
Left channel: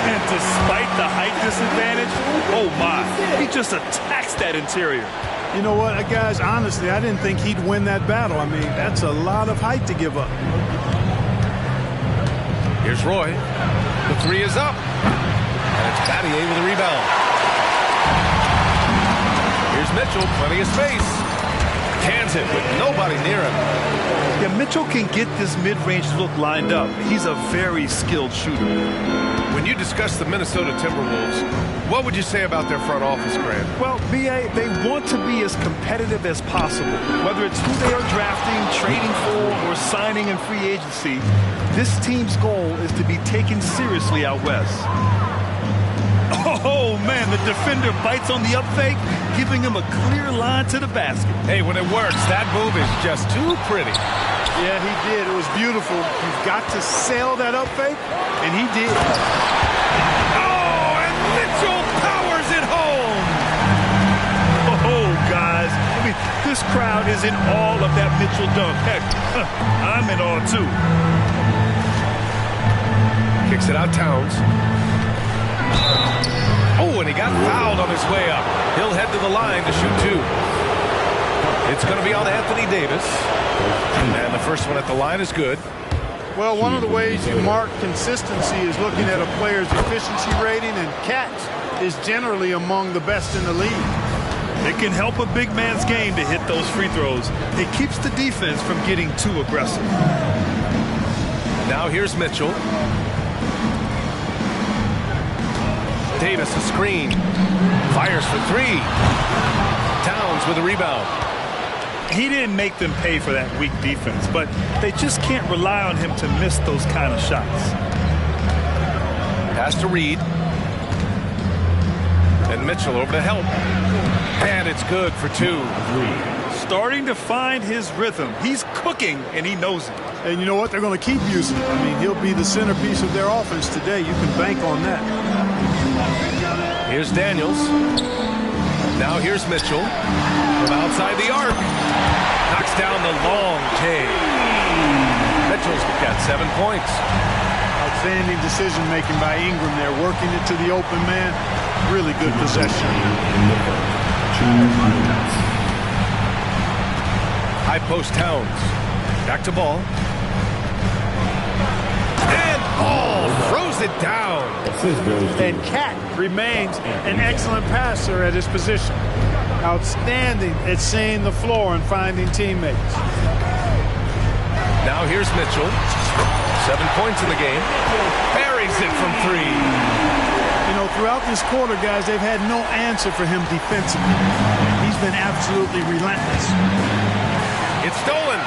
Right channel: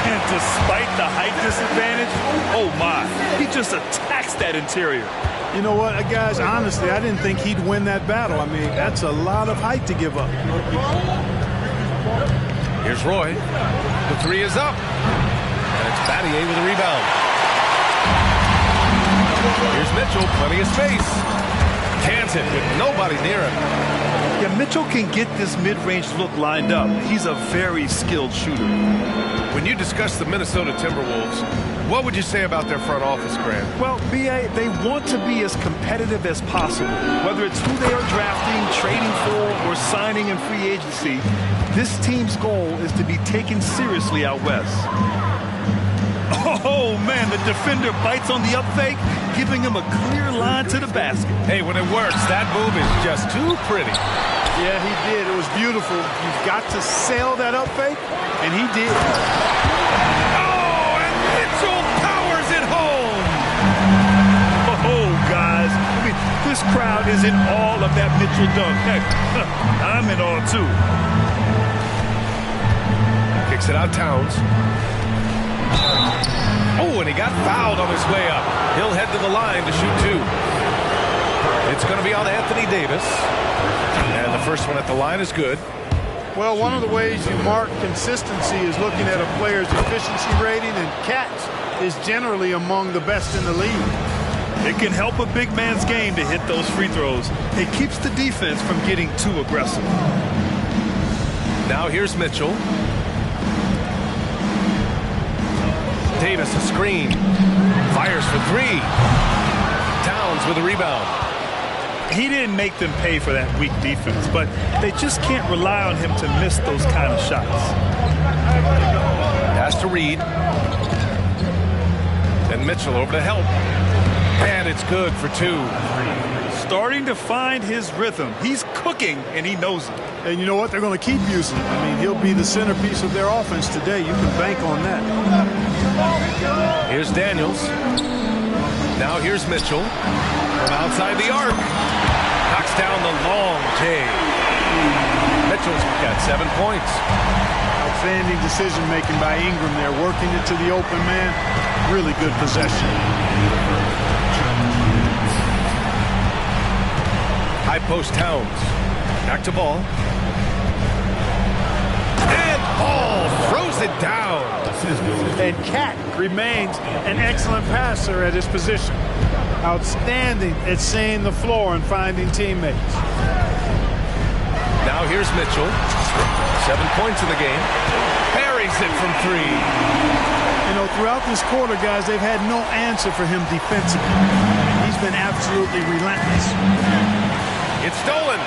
And despite the height disadvantage, oh my, he just attacks that interior. You know what, guys, honestly, I didn't think he'd win that battle. I mean, that's a lot of height to give up. Here's Roy. The three is up. And it's Battier with a rebound. Here's Mitchell, plenty of space. Cans it with nobody near him. Yeah, Mitchell can get this mid-range look lined up. He's a very skilled shooter. When you discuss the Minnesota Timberwolves, what would you say about their front office, Grant? Well, BA, they want to be as competitive as possible. Whether it's who they are drafting, trading for, or signing in free agency, this team's goal is to be taken seriously out west. Oh, man, the defender bites on the up fake, giving him a clear line to the basket. Hey, when it works, that move is just too pretty. Yeah, he did. It was beautiful. You've got to sell that up fake, and he did. Oh, and Mitchell powers it home. Oh, guys, I mean, this crowd is in awe of that Mitchell dunk. Heck, I'm in awe, too. Kicks it out, Towns. Oh, and he got fouled on his way up. He'll head to the line to shoot two. It's going to be on Anthony Davis. And the first one at the line is good. Well, one of the ways you mark consistency is looking at a player's efficiency rating, and Catch is generally among the best in the league. It can help a big man's game to hit those free throws. It keeps the defense from getting too aggressive. Now here's Mitchell. Davis a screen. Fires for three. Towns with a rebound. He didn't make them pay for that weak defense, but they just can't rely on him to miss those kind of shots. Pass to Reed. And Mitchell over to help. And it's good for two. Starting to find his rhythm. He's cooking, and he knows it. And you know what? They're going to keep using him. I mean, he'll be the centerpiece of their offense today. You can bank on that. Here's Daniels. Now here's Mitchell. From outside the arc. Knocks down the long J. Mitchell's got 7 points. Outstanding decision-making by Ingram there, working it to the open man. Really good possession. High post Towns. Back to Ball. And Ball throws it down. And Cat remains an excellent passer at his position. Outstanding at seeing the floor and finding teammates. Now here's Mitchell. 7 points in the game. Buries it from three. You know, throughout this quarter, guys, they've had no answer for him defensively. He's been absolutely relentless. It's stolen.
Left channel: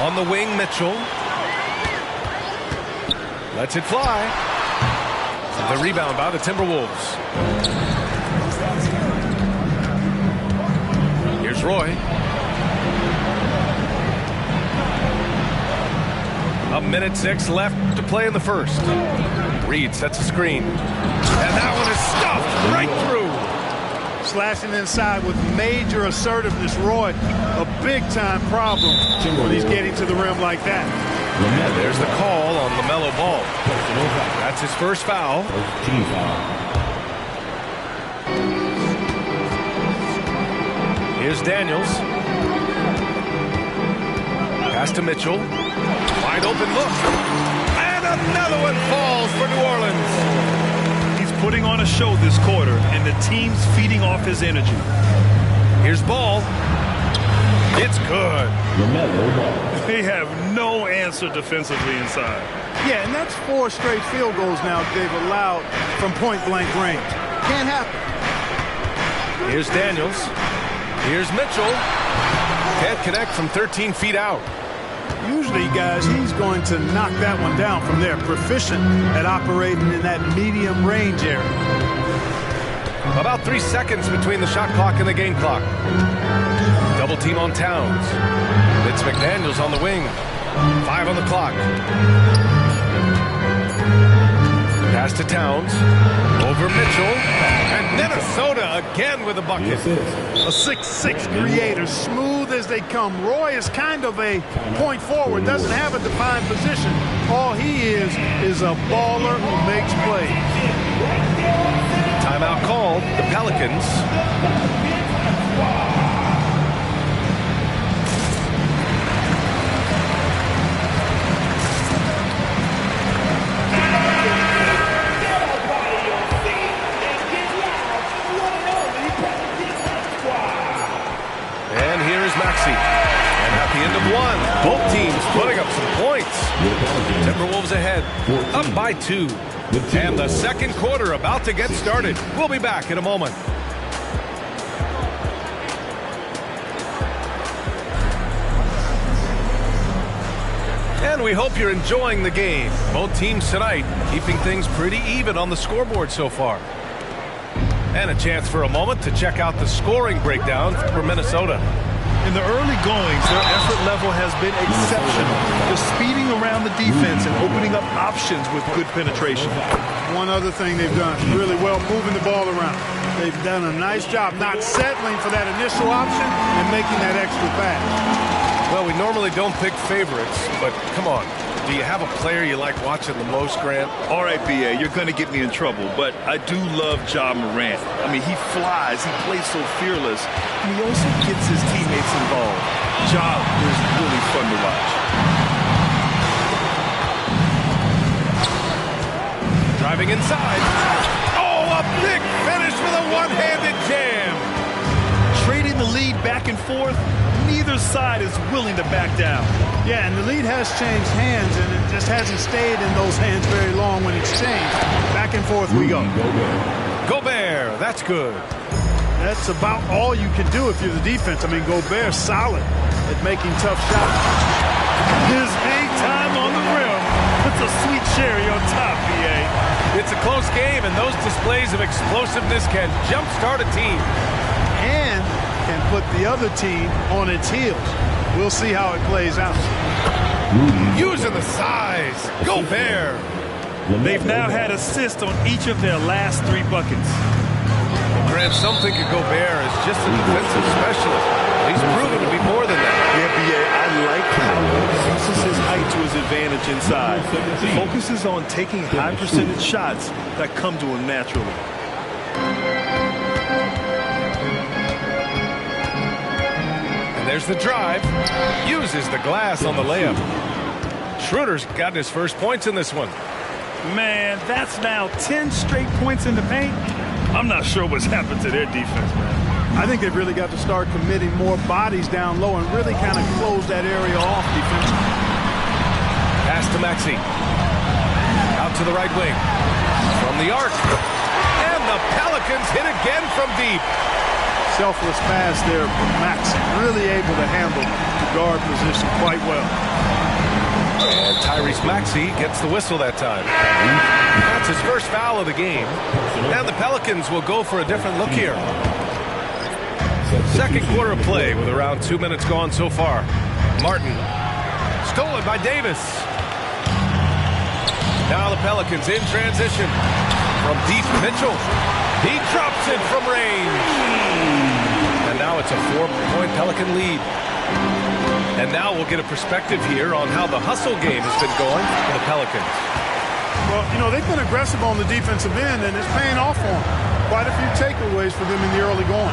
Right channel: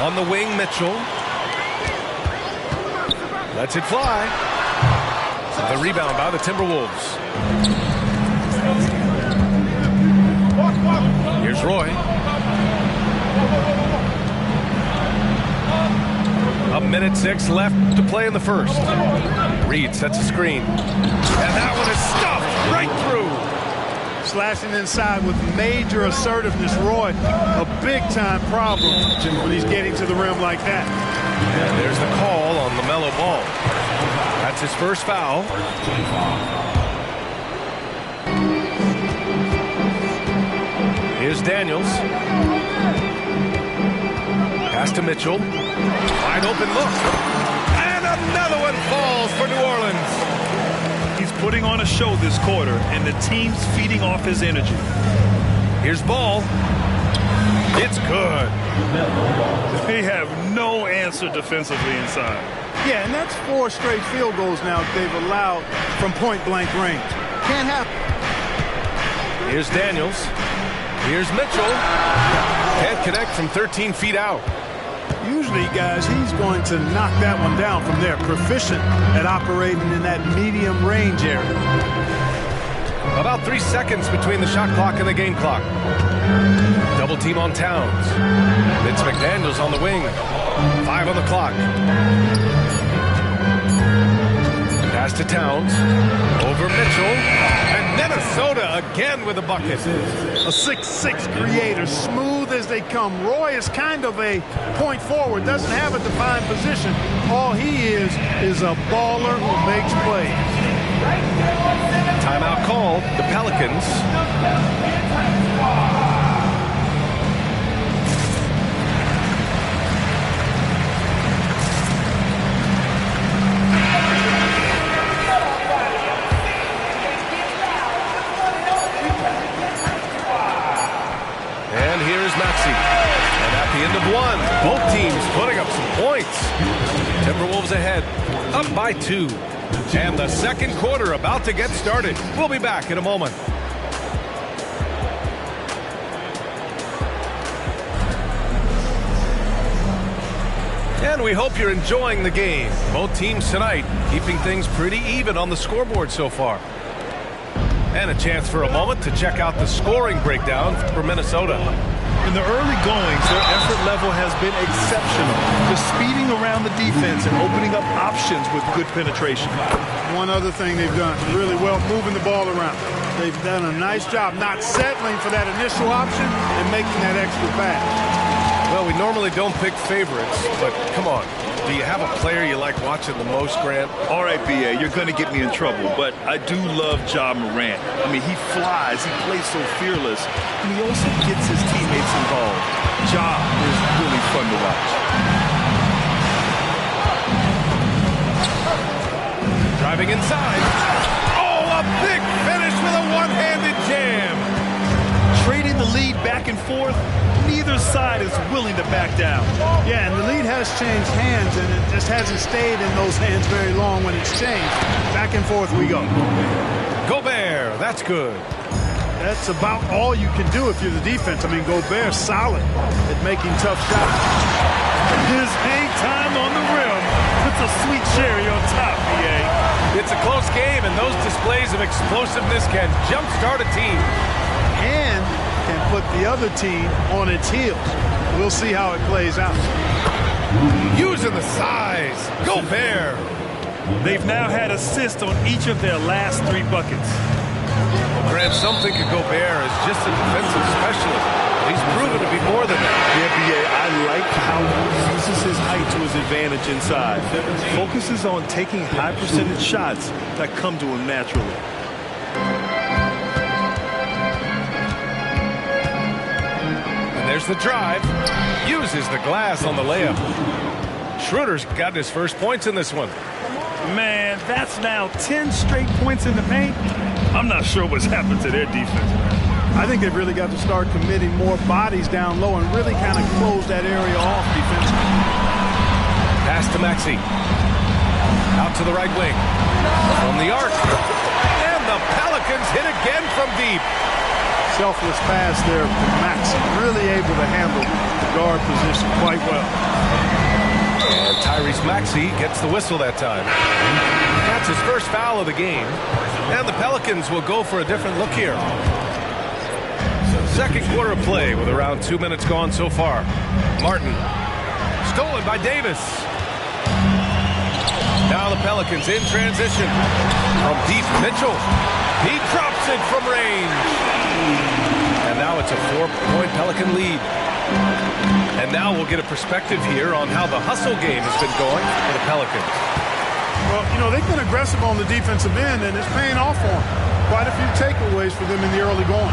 On the wing, Mitchell. Lets it fly. The rebound by the Timberwolves. Here's Roy. A minute 6 left to play in the first. Reed sets a screen. And that one is stuffed right through. Slashing inside with major assertiveness. Roy, a big-time problem when he's getting to the rim like that. And there's the call on LaMelo Ball. That's his first foul. Here's Daniels. Pass to Mitchell. Wide open look. And another one falls for New Orleans. He's putting on a show this quarter, and the team's feeding off his energy. Here's Ball. It's good. They have no answer defensively inside. Yeah, and that's 4 straight field goals now they've allowed from point-blank range. Can't happen. Here's Daniels. Here's Mitchell. Can't connect from 13 feet out. Usually, guys, he's going to knock that one down from there. Proficient at operating in that medium range area. About 3 seconds between the shot clock and the game clock. Double team on Towns. Vince McDaniels on the wing. 5 on the clock. Pass to Towns. Over Mitchell. And Minnesota again with a bucket. A 6'6" creator, smooth as they come. Roy is kind of a point forward, doesn't have a defined position. All he is a baller who makes plays. Timeout called. The Pelicans. And here is Maxey. And at the end of one, both teams putting up some points. Timberwolves ahead, up by 2. And the second quarter about to get started. We'll be back in a moment. And we hope you're enjoying the game. Both teams tonight keeping things pretty even on the scoreboard so far. And a chance for a moment to check out the scoring breakdown for Minnesota. In the early goings, their effort level has been exceptional. Just speeding around the defense and opening up options with good penetration. One other thing they've done really well, moving the ball around. They've done a nice job not settling for that initial option and making that extra pass. Well, we normally don't pick favorites, but come on. Do you have a player you like watching the most, Grant? All right, B.A., you're going to get me in trouble, but I do love Ja Morant. I mean, he flies, he plays so fearless, and he also gets his teammates involved. Ja is really fun to watch. Driving inside. Oh, a big finish with a one-handed jam. trading the lead back and forth. Neither side is willing to back down. Yeah, and the lead has changed hands, and it just hasn't stayed in those hands very long when it's changed. Back and forth we go. Gobert, that's good. That's about all you can do if you're the defense. I mean, Gobert's solid at making tough shots. His hang time on the rim puts a sweet cherry on top, B.A. It's a close game, and those displays of explosiveness can jumpstart a team. And can put the other team on its heels. We'll see how it plays out. Using the size. Gobert. They've now had assists on each of their last 3 buckets. Well, Grant, some think of Gobert as just a defensive specialist. But he's proven to be more than that. Yeah, B.A., I like how he uses his height to his advantage inside. Focuses on taking high percentage shots that come to him naturally. And there's the drive. Uses the glass on the layup. Schroeder's gotten his first points in this one. Man, that's now 10 straight points in the paint. I'm not sure what's happened to their defense, man. I think they've really got to start committing more bodies down low and really kind of close that area off defensively. Pass to Maxey. Out to the right wing. From the arc. And the Pelicans hit again from deep. Selfless pass there from Maxey. Really able to handle the guard position quite well. And Tyrese Maxey gets the whistle that time. That's his first foul of the game. And the Pelicans will go for a different look here. Second quarter of play with around 2 minutes gone so far. Martin. Stolen by Davis. Now the Pelicans in transition. From deep, Mitchell. He drops it from range. And now it's a 4-point Pelican lead. And now we'll get a perspective here on how the hustle game has been going for the Pelicans. Well, you know, they've been aggressive on the defensive end, and it's paying off for them. Quite a few takeaways for them in the early going.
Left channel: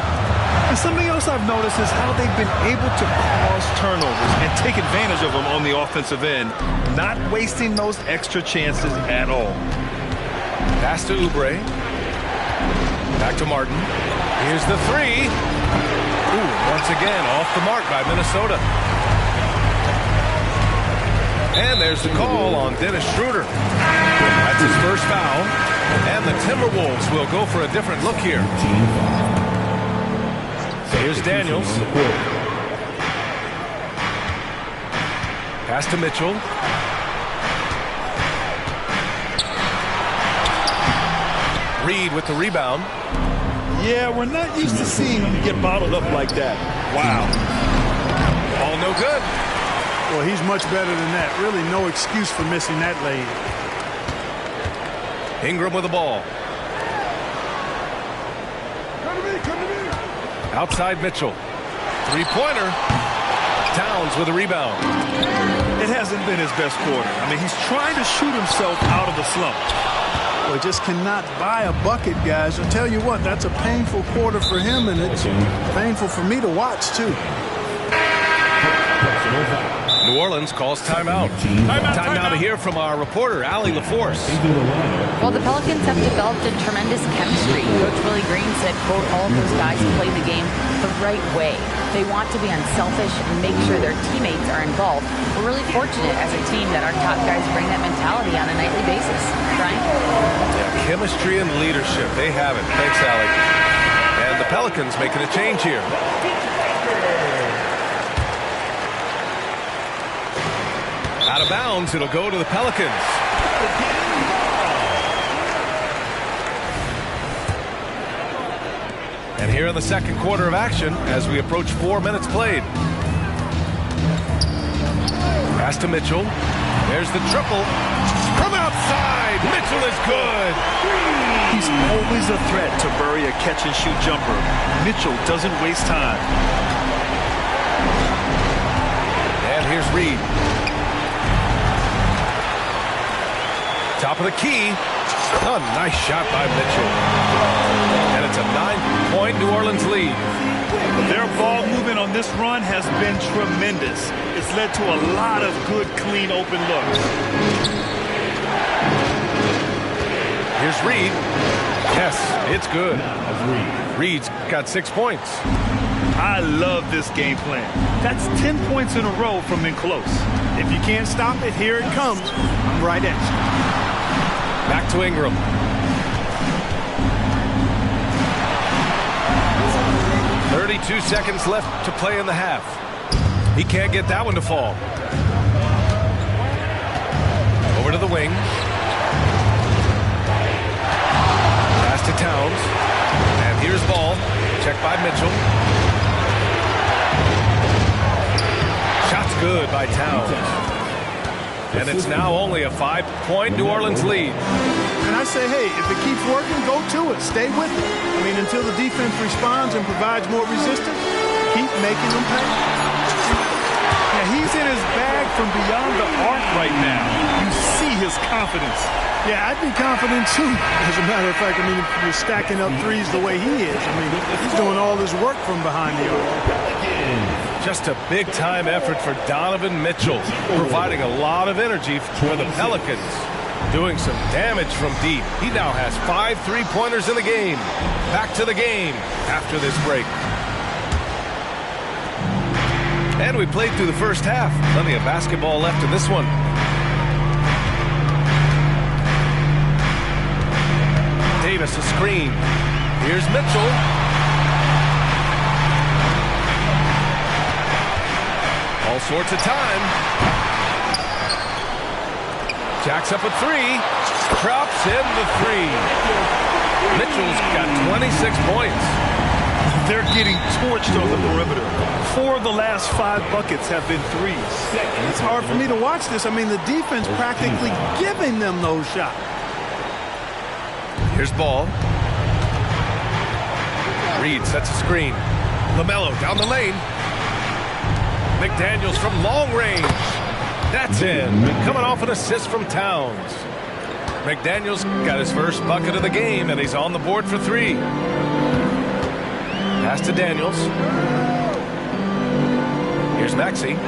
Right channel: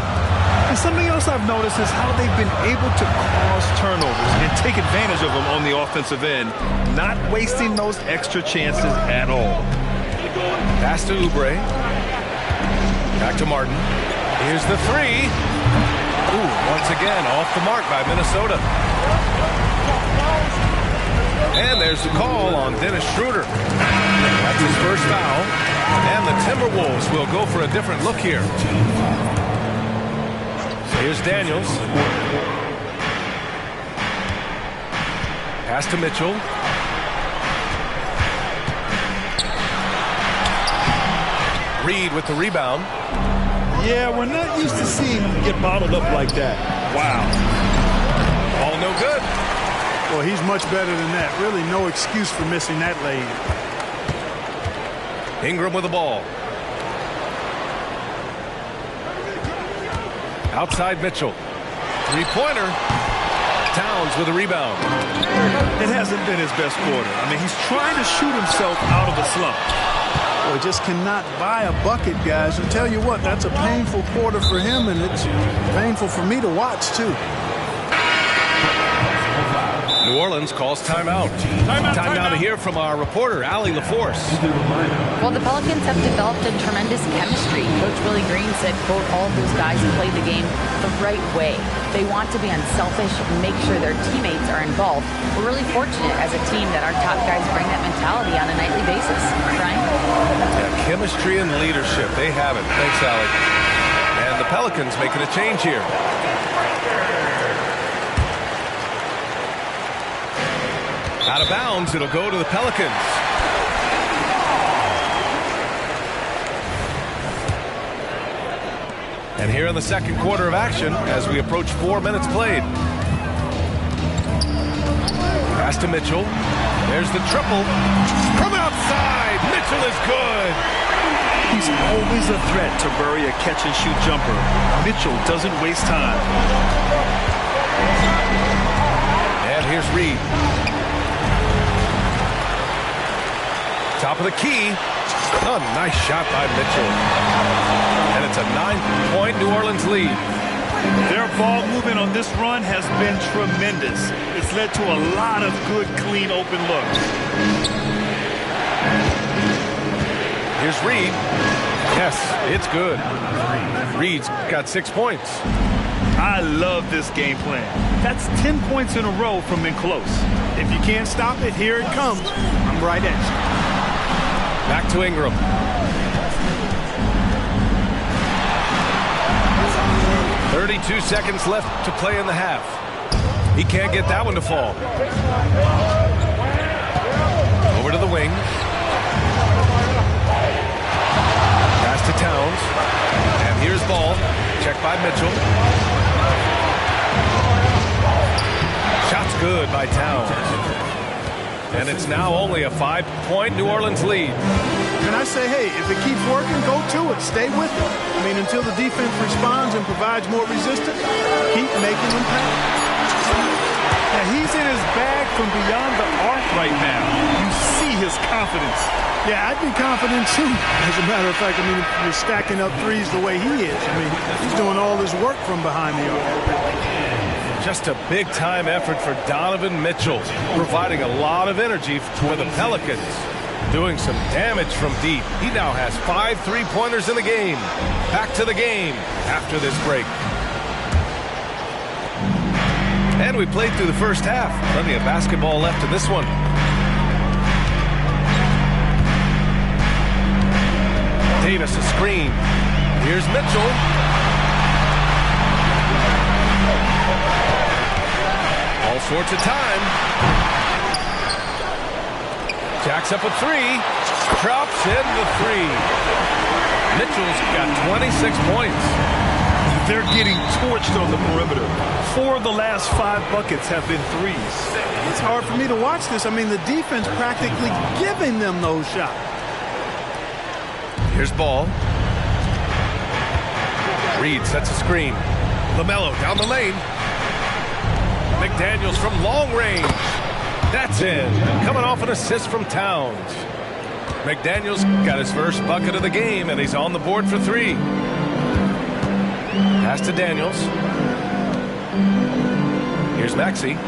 And something else I've noticed is how they've been able to cause turnovers and take advantage of them on the offensive end, not wasting those extra chances at all. Pass to Oubre. Back to Martin. Here's the 3. Ooh, once again, off the mark by Minnesota. And there's the call on Dennis Schroeder. That's his first foul. And the Timberwolves will go for a different look here. Here's Daniels. Pass to Mitchell. Reed with the rebound. Yeah, we're not used to seeing him get bottled up like that. Wow. All no good. Well, he's much better than that. Really no excuse for missing that lane. Ingram with the ball. Outside Mitchell. Three-pointer. Towns with a rebound. It hasn't been his best quarter. I mean, he's trying to shoot himself out of the slump. Well, just cannot buy a bucket, guys. I'll tell you what, that's a painful quarter for him, and it's painful for me to watch, too. New Orleans calls timeout. Time now to hear from our reporter, Allie LaForce. Well, the Pelicans have developed a tremendous chemistry. Coach Willie Green said, quote, all of those guys play the game the right way. They want to be unselfish and make sure their teammates are involved. We're really fortunate as a team that our top guys bring that mentality on a nightly basis. Brian? Yeah, chemistry and leadership. They have it. Thanks, Allie. And the Pelicans making a change here. Out of bounds, it'll go to the Pelicans. And here in the second quarter of action, as we approach 4 minutes played. Pass to Mitchell. There's the triple. From outside, Mitchell is good. He's always a threat to bury a catch-and-shoot jumper. Mitchell doesn't waste time. And here's Reed. Top of the key. Oh, nice shot by Mitchell. And it's a 9-point New Orleans lead. Their ball movement on this run has been tremendous. It's led to a lot of good, clean, open looks. Here's Reed. Yes, it's good. Reed's got 6 points. I love this game plan. That's 10 points in a row from in close. If you can't stop it, here it comes. I'm right at you. Back to Ingram. "32 seconds left to play in the half. He can't get that one to fall. Over to the wing. Pass to Towns. And here's ball. Checked by Mitchell. Shot's good by Towns. And it's now only a 5-point New Orleans lead. And I say, hey, if it keeps working, go to it. Stay with it. I mean, until the defense responds and provides more resistance, keep making them pay. Yeah, he's in his bag from beyond the arc right now. You see his confidence. Yeah, I'd be confident too. As a matter of fact, I mean, if you're stacking up threes the way he is, I mean, he's doing all his work from behind the arc. Just a big-time effort for Donovan Mitchell, providing a lot of energy for the Pelicans. Doing some damage from deep. He now has 5 3-pointers in the game. Back to the game after this break. And we played through the first half. Plenty of basketball left in this one. Davis a screen. Here's Mitchell. All sorts of time. Jacks up a 3. Drops in the 3. Mitchell's got 26 points. They're getting torched on the perimeter. 4 of the last 5 buckets have been threes. It's hard for me to watch this. I mean, the defense practically giving them those shots. Here's ball. Reed sets a screen. LaMelo down the lane. McDaniels from long range. That's in. Coming off an assist from Towns. McDaniels got his first bucket of the game, and he's on the board for 3. Pass to Daniels. Here's Maxey.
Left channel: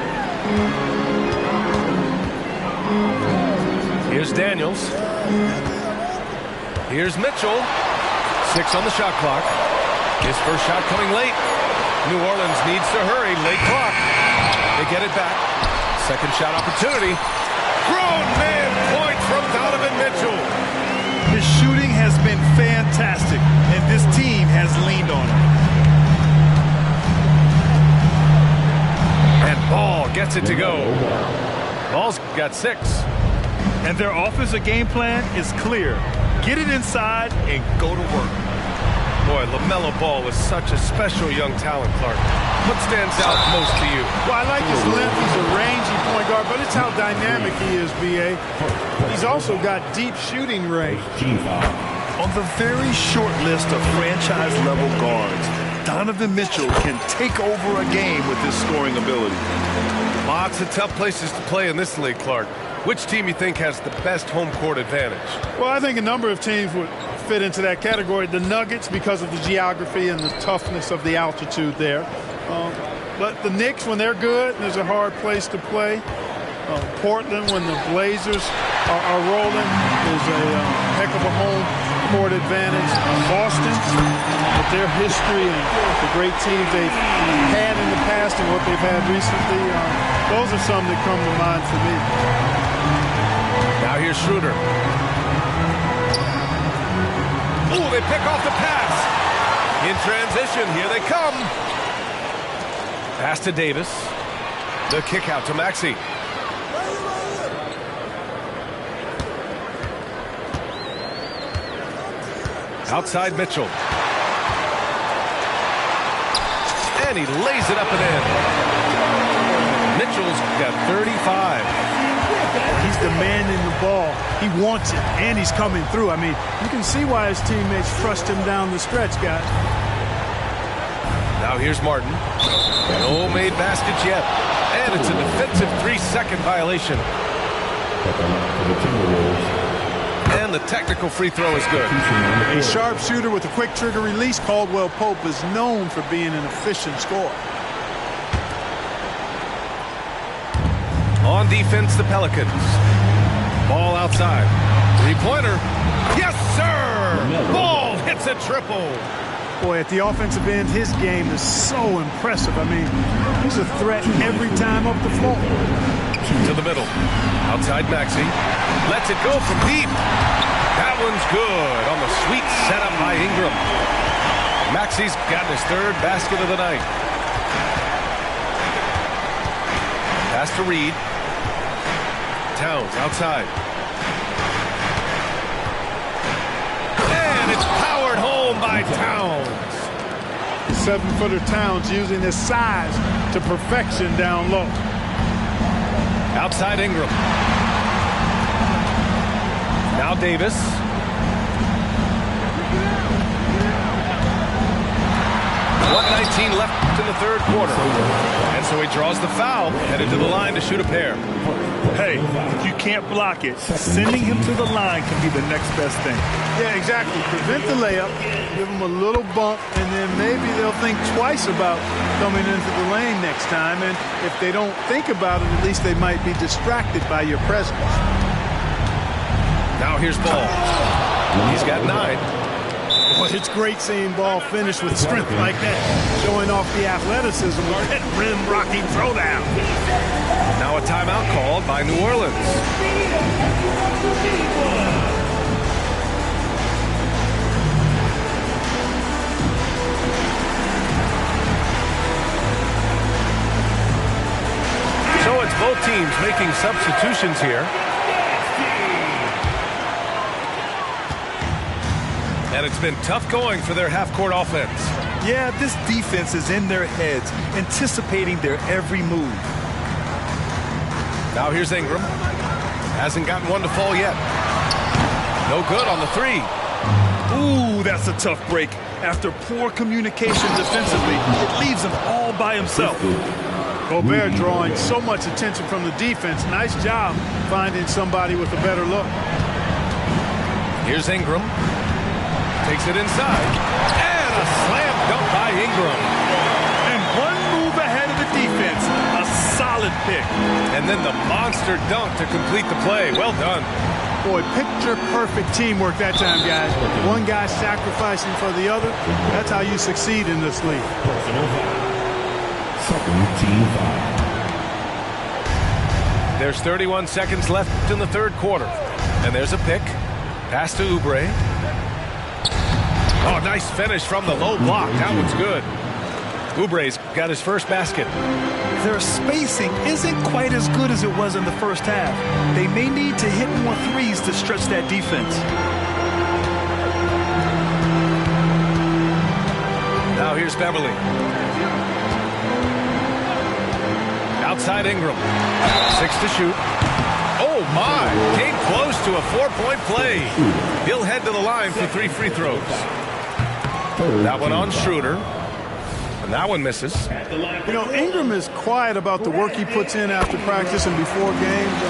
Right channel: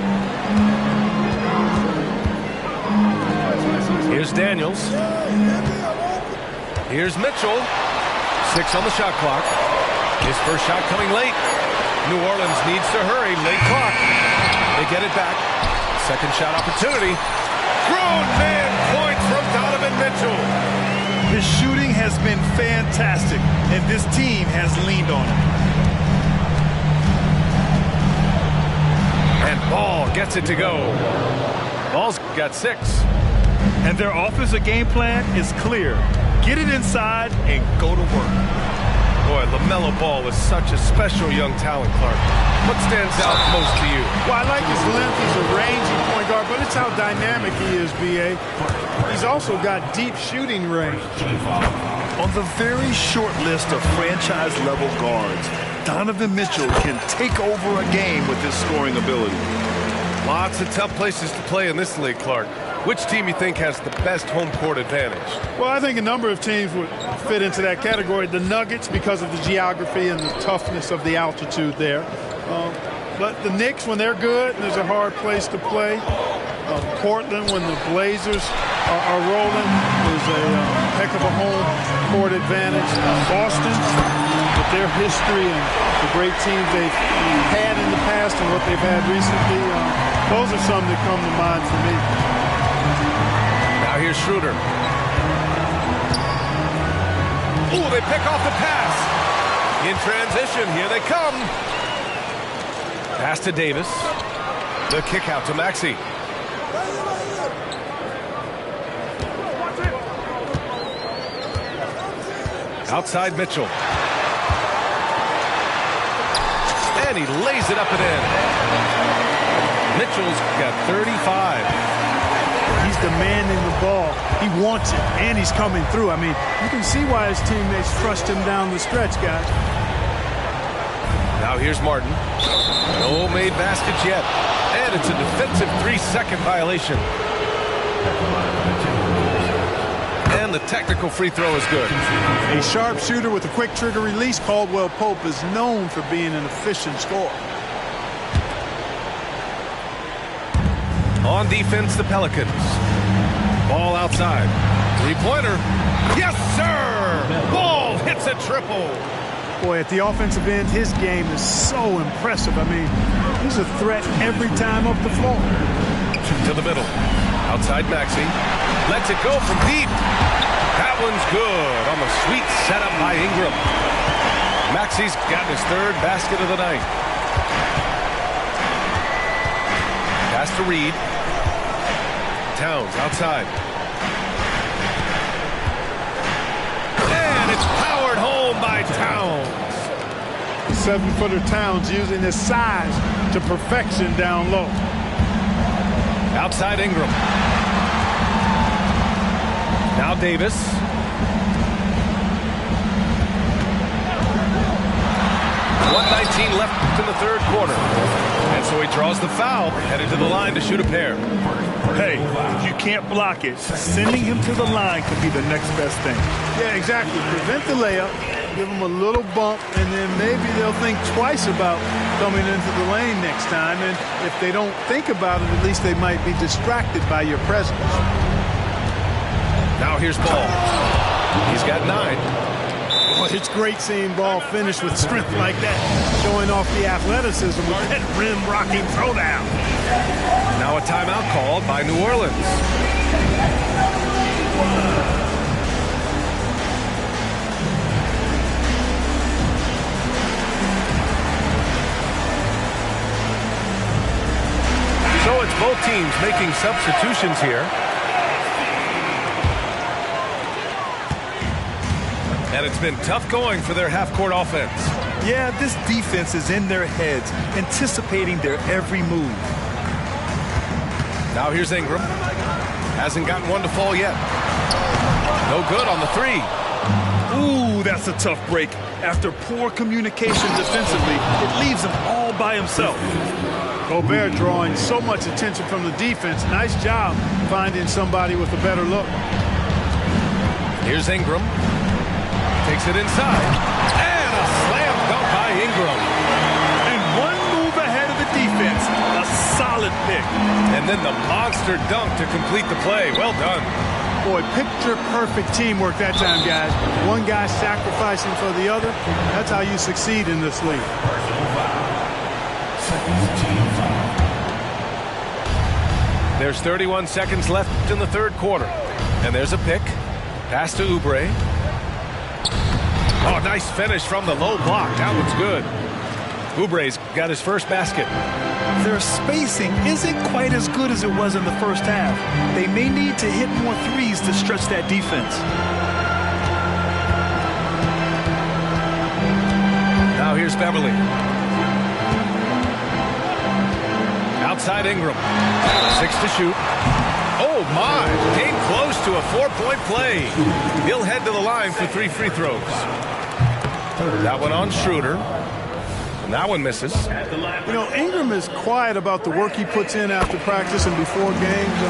Here's Daniels. Here's Mitchell. 6 on the shot clock. His first shot coming late. New Orleans needs to hurry. Late clock. They get it back. Second shot opportunity. Grown man point from Donovan Mitchell. His shooting has been fantastic, and this team has leaned on him. And Ball gets it to go. Ball's got 6. And their offensive game plan is clear. Get it inside and go to work. Boy, LaMelo Ball is such a special young talent, Clark. What stands out most to you? Well, I like his length. He's a rangy point guard, but it's how dynamic he is, B.A. He's also got deep shooting range. On the very short list of franchise-level guards, Donovan Mitchell can take over a game with his scoring ability. Lots of tough places to play in this league, Clark. Which team you think has the best home court advantage? Well, I think a number of teams would fit into that category. The Nuggets, because of the geography and the toughness of the altitude there. But the Knicks, when they're good, there's a hard place to play. Portland, when the Blazers are rolling, is a heck of a home court advantage. Boston, with their history and the great teams they've had in the past and what they've had recently, those are some that come to mind for me. Now here's Schroeder. Oh, they pick off the pass. In transition, here they come. Pass to Davis. The kick out to Maxey. Outside Mitchell. And he lays it up and in. Mitchell's got 35. He's demanding the ball. He wants it, and he's coming through. I mean, you can see why his teammates trust him down the stretch, guys. Now here's Martin. No made baskets yet. And it's a defensive 3-second violation. And the technical free throw is good. A sharpshooter with a quick trigger release. Caldwell Pope is known for being an efficient scorer. On defense, the Pelicans. Ball outside. Three-pointer. Yes, sir! Ball hits a triple. Boy, at the offensive end, his game is so impressive. I mean, he's a threat every time up the floor. To the middle. Outside Maxey. Lets it go from deep. That one's good on the sweet setup by Ingram. Maxey's gotten his third basket of the night. Pass to Reed. Towns outside. And it's powered home by Towns. 7-footer Towns using his size to perfection down low. Outside Ingram. Now Davis. .119 left in the third quarter. And so he draws the foul, headed to the line to shoot a pair. Hey, if you can't block it, sending him to the line can be the next best thing. Yeah, exactly. Prevent the layup, give them a little bump, and then maybe they'll think twice about coming into the lane next time. And if they don't think about it, at least they might be distracted by your presence. Now here's Ball. He's got 9. Boy, it's great seeing Ball finish with strength like that, showing off the athleticism with that rim-rocking throwdown. Now a timeout called by New Orleans. So it's both teams making substitutions here. And it's been tough going for their half-court offense. Yeah, this defense is in their heads, anticipating their every move. Now here's Ingram. Hasn't gotten one to fall yet. No good on the 3. Ooh, that's a tough break. After poor communication defensively, it leaves him all by himself. Gobert drawing so much attention from the defense. Nice job finding somebody with a better look. Here's Ingram. Takes it inside. And a slam dunk by Ingram. And one move ahead of the defense. A solid pick. And then the monster dunk to complete the play. Well done. Boy, picture-perfect teamwork that time, guys. One guy sacrificing for the other. That's how you succeed in this league. There's 31 seconds left in the third quarter. And there's a pick. Pass to Oubre. Oh, nice finish from the low block. That one's good. Oubre's got his first basket. Their spacing isn't quite as good as it was in the first half. They may need to hit more threes to stretch that defense. Now here's Beverly. Outside Ingram. 6 to shoot. Oh, my. Came close to a 4-point play. He'll head to the line for 3 free throws. That one on Schroeder. And that one misses. You know, Ingram is quiet about the work he puts in after practice and before games.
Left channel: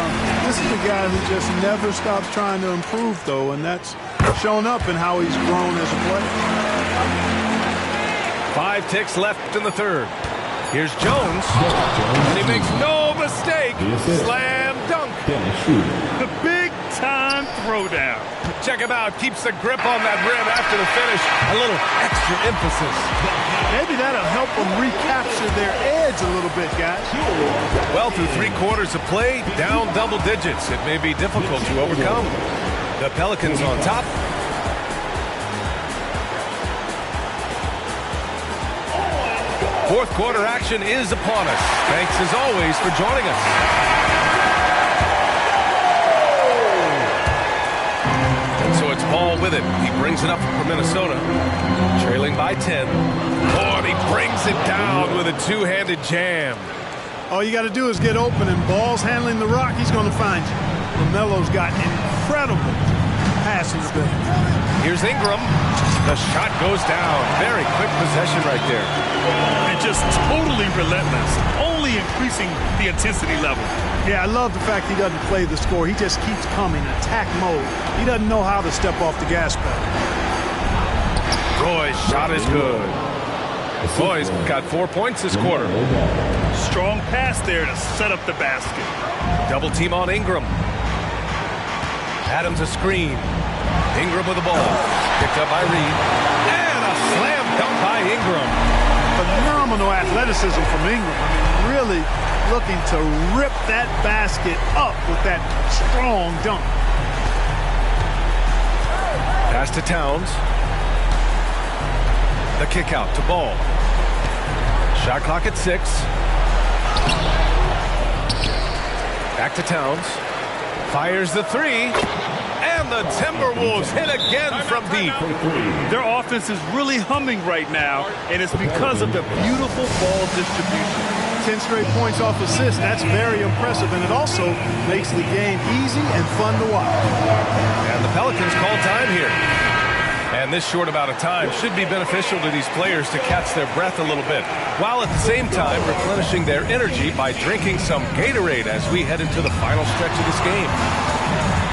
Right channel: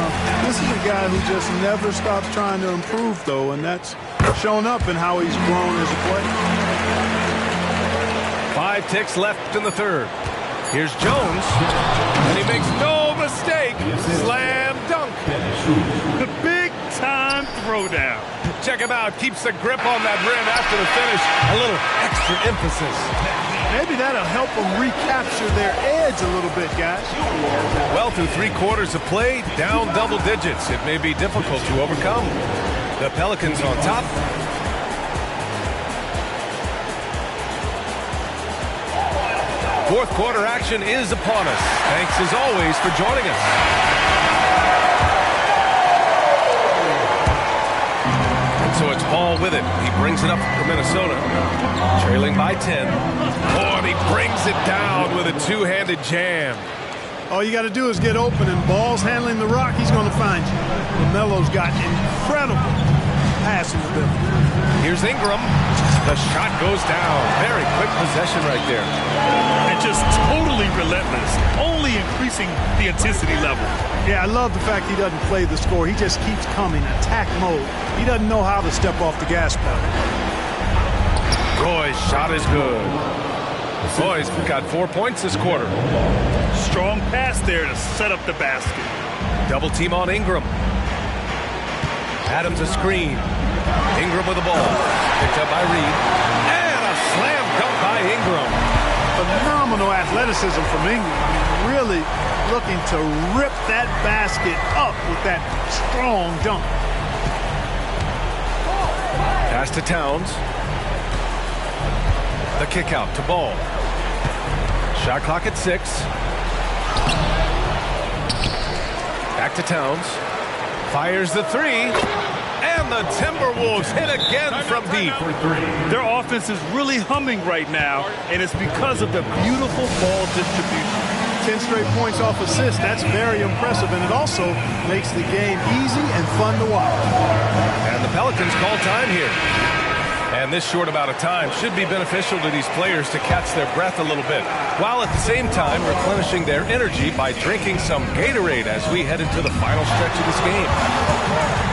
This is a guy who just never stops trying to improve, though, and that's shown up in how he's grown as a player. 5 ticks left in the third. Here's Jones, and he makes no mistake. Slam dunk. The big-time throwdown. Check him out. Keeps the grip on that rim after the finish. A little extra emphasis. Maybe that'll help them recapture their edge a little bit, guys. Well, through 3 quarters of play, down double digits. It may be difficult to overcome. The Pelicans on top. Fourth quarter action is upon us. Thanks as always for joining us. And so it's Ball with it. He brings it up for Minnesota. Trailing by 10. Oh, and he brings it down with a two-handed jam. All you got to do is get open, and Ball's handling the rock. He's going to find you. LaMelo's got incredible passing ability. Here's Ingram. The shot goes down. Very quick possession right there. And just totally relentless, only increasing the intensity level. Yeah, I love the fact he doesn't play the score. He just keeps coming, attack mode. He doesn't know how to step off the gas pedal. Roy's shot is good. Roy's got 4 points this quarter. Strong pass there to set up the basket. Double team on Ingram. Adams a screen. Ingram with the ball. Picked up by Reed. And a a slam dunk by Ingram. Phenomenal athleticism from Ingram. I mean, really looking to rip that basket up with that strong dunk. Pass to Towns. The kick out to Ball. Shot clock at 6. Back to Towns. Fires the 3. And the Timberwolves hit again from deep. Their offense is really humming right now, and it's because of the beautiful ball distribution. 10 straight points off assists. That's very impressive, and it also makes the game easy and fun to watch. And the Pelicans call time here. And this short amount of time should be beneficial to these players to catch their breath a little bit, while at the same time replenishing their energy by drinking some Gatorade as we head into the final stretch of this game.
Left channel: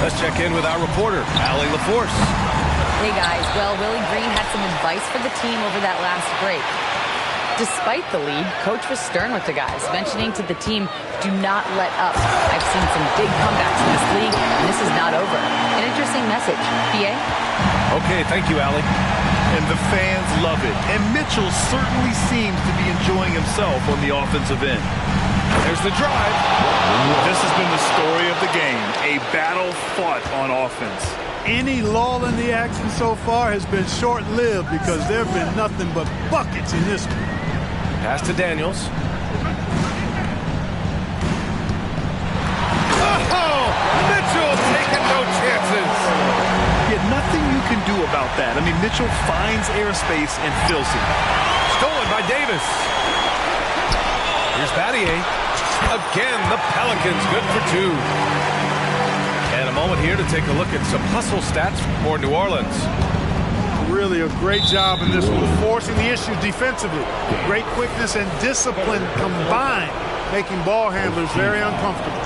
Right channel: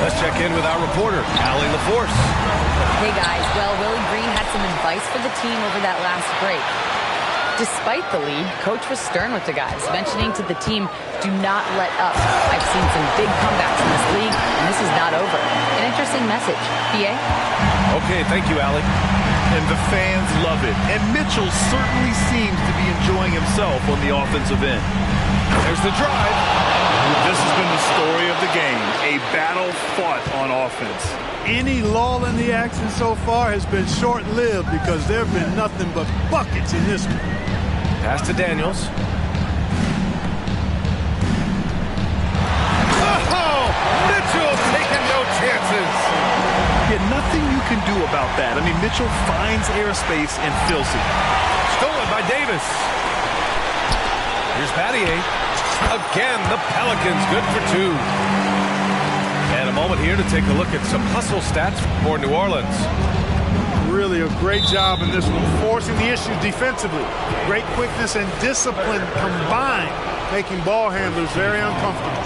Let's check in with our reporter, Allie LaForce. Hey guys, well, Willie Green had some advice for the team over that last break. Despite the lead, Coach was stern with the guys, mentioning to the team, do not let up. I've seen some big comebacks in this league, and this is not over. An interesting message. PA? Okay, thank you, Allie. And the fans love it. And Mitchell certainly seems to be enjoying himself on the offensive end. There's the drive. This has been the story of the game, a battle fought on offense. Any lull in the action so far has been short-lived because there have been nothing but buckets in this one. Pass to Daniels. Oh, Mitchell taking no chances. Yeah, nothing you can do about that. I mean, Mitchell finds airspace and fills it. Stolen by Davis. Here's Battier. Again, the Pelicans good for 2. And a moment here to take a look at some hustle stats for New Orleans. Really a great job in this one, forcing the issues defensively. Great quickness and discipline combined, making ball handlers very uncomfortable.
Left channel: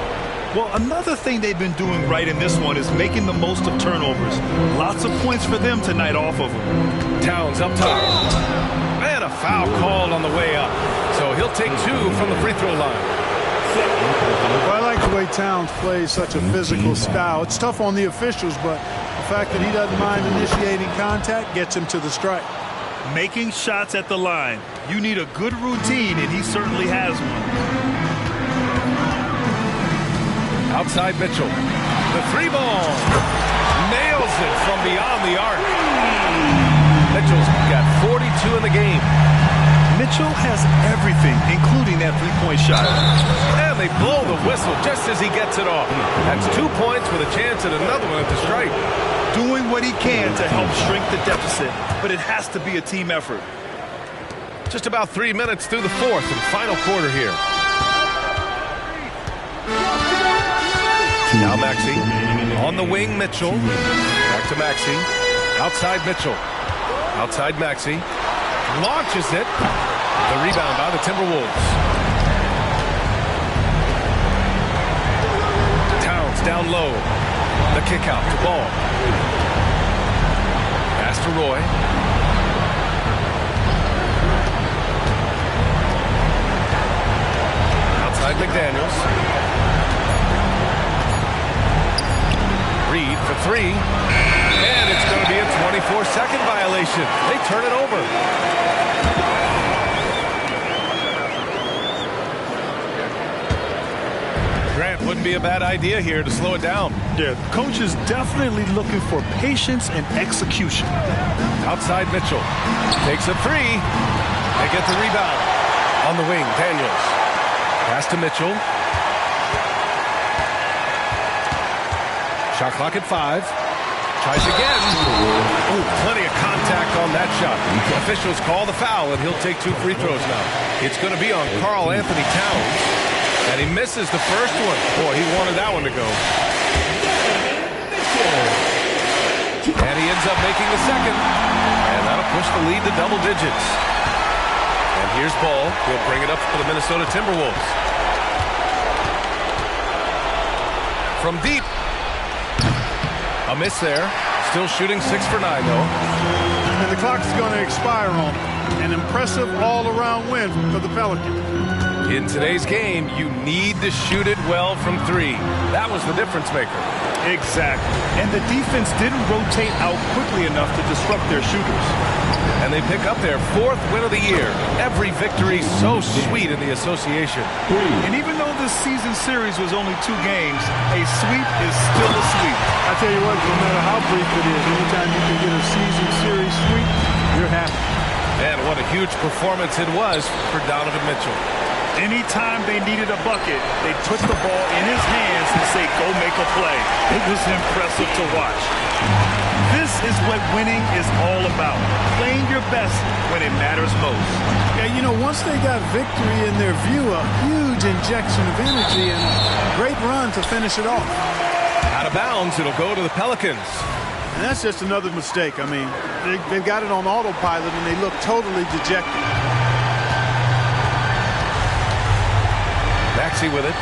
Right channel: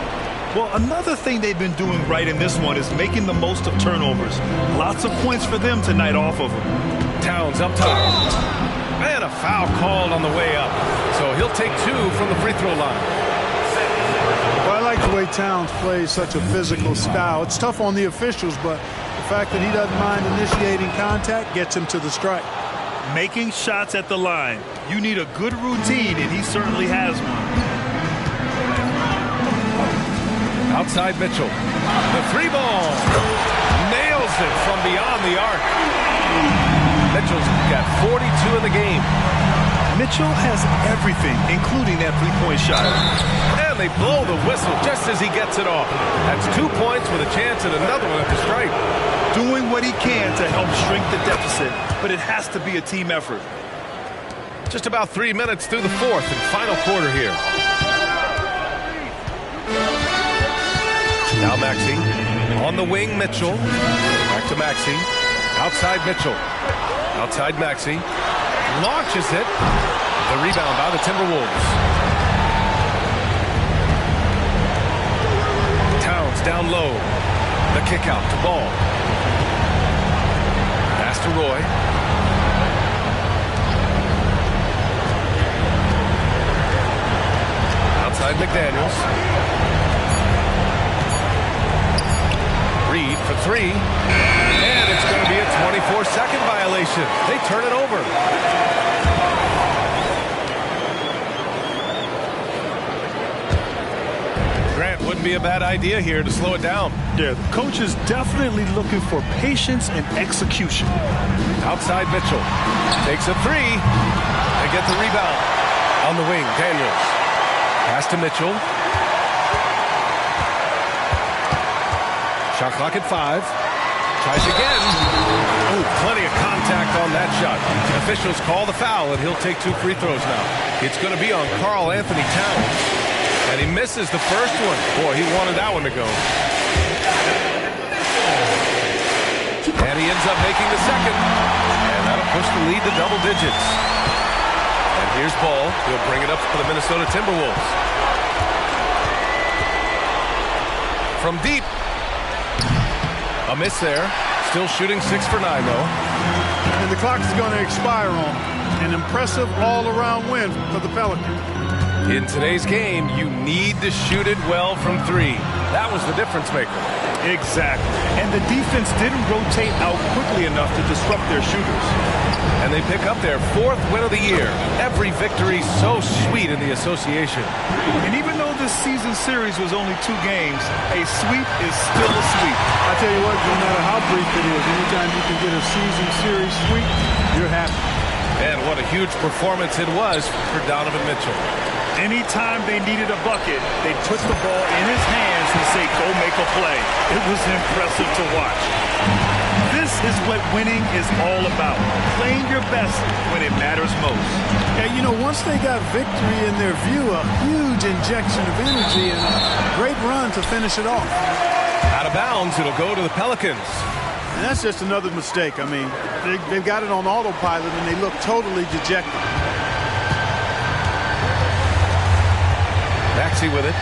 Well, another thing they've been doing right in this one is making the most of turnovers. Lots of points for them tonight off of them. Towns up top. And a foul called on the way up. So he'll take 2 from the free throw line. Well, I like the way Towns plays such a physical style. It's tough on the officials, but the fact that he doesn't mind initiating contact gets him to the stripe. Making shots at the line. You need a good routine, and he certainly has one. Outside Mitchell. The 3 ball. Nails it from beyond the arc. Mitchell's got 42 in the game. Mitchell has everything, including that 3-point shot. And they blow the whistle just as he gets it off. That's 2 points with a chance at another one at the stripe. Doing what he can to help shrink the deficit, but it has to be a team effort. Just about 3 minutes through the 4th and final quarter here. Now Maxey. On the wing, Mitchell. Back to Maxey. Outside Mitchell. Outside Maxey. Launches it. The rebound by the Timberwolves. Towns down low. The kick out to Ball. Pass to Roy. Outside McDaniels. Reed for 3. And it's going to be a 24-second violation. They turn it over. Grant, wouldn't be a bad idea here to slow it down. Yeah, the coach is definitely looking for patience and execution. Outside Mitchell. Takes a 3. They get the rebound. On the wing, Daniels. Pass to Mitchell. Shot clock at 5. Tries again. Oh, plenty of contact on that shot. Officials call the foul, and he'll take 2 free throws now. It's going to be on Karl Anthony Towns. And he misses the first one. Boy, he wanted that one to go. And he ends up making the second. And that'll push the lead to double digits. And here's Ball. He'll bring it up for the Minnesota Timberwolves. From deep. A miss there. Still shooting 6 for 9, though. And the clock is going to expire on him. An impressive all-around win for the Pelicans. In today's game, you need to shoot it well from 3. That was the difference maker. Exactly. And the defense didn't rotate out quickly enough to disrupt their shooters. And they pick up their 4th win of the year. Every victory so sweet in the association. And even though this season series was only 2 games, a sweep is still a sweep. I tell you what, no matter how brief it is, anytime you can get a season series sweep, you're happy. And what a huge performance it was for Donovan Mitchell. Anytime they needed a bucket, they'd put the ball in his hands and say, go make a play. It was impressive to watch. This is what winning is all about, playing your best when it matters most. Yeah, you know, once they got victory in their view, a huge injection of energy and a great run to finish it off. Out of bounds, it'll go to the Pelicans. And that's just another mistake. I mean, they've got it on autopilot, and they look totally dejected. Maxey with it.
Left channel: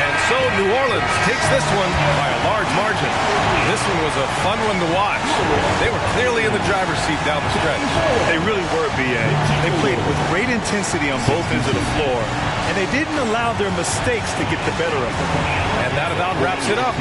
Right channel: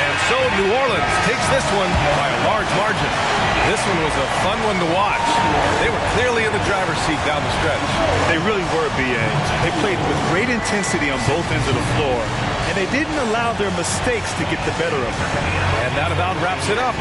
And so New Orleans takes this one by a large margin. This one was a fun one to watch. They were clearly in the driver's seat down the stretch. They really were, B.A. They played with great intensity on both ends of the floor, and they didn't allow their mistakes to get the better of them. And that about wraps it up.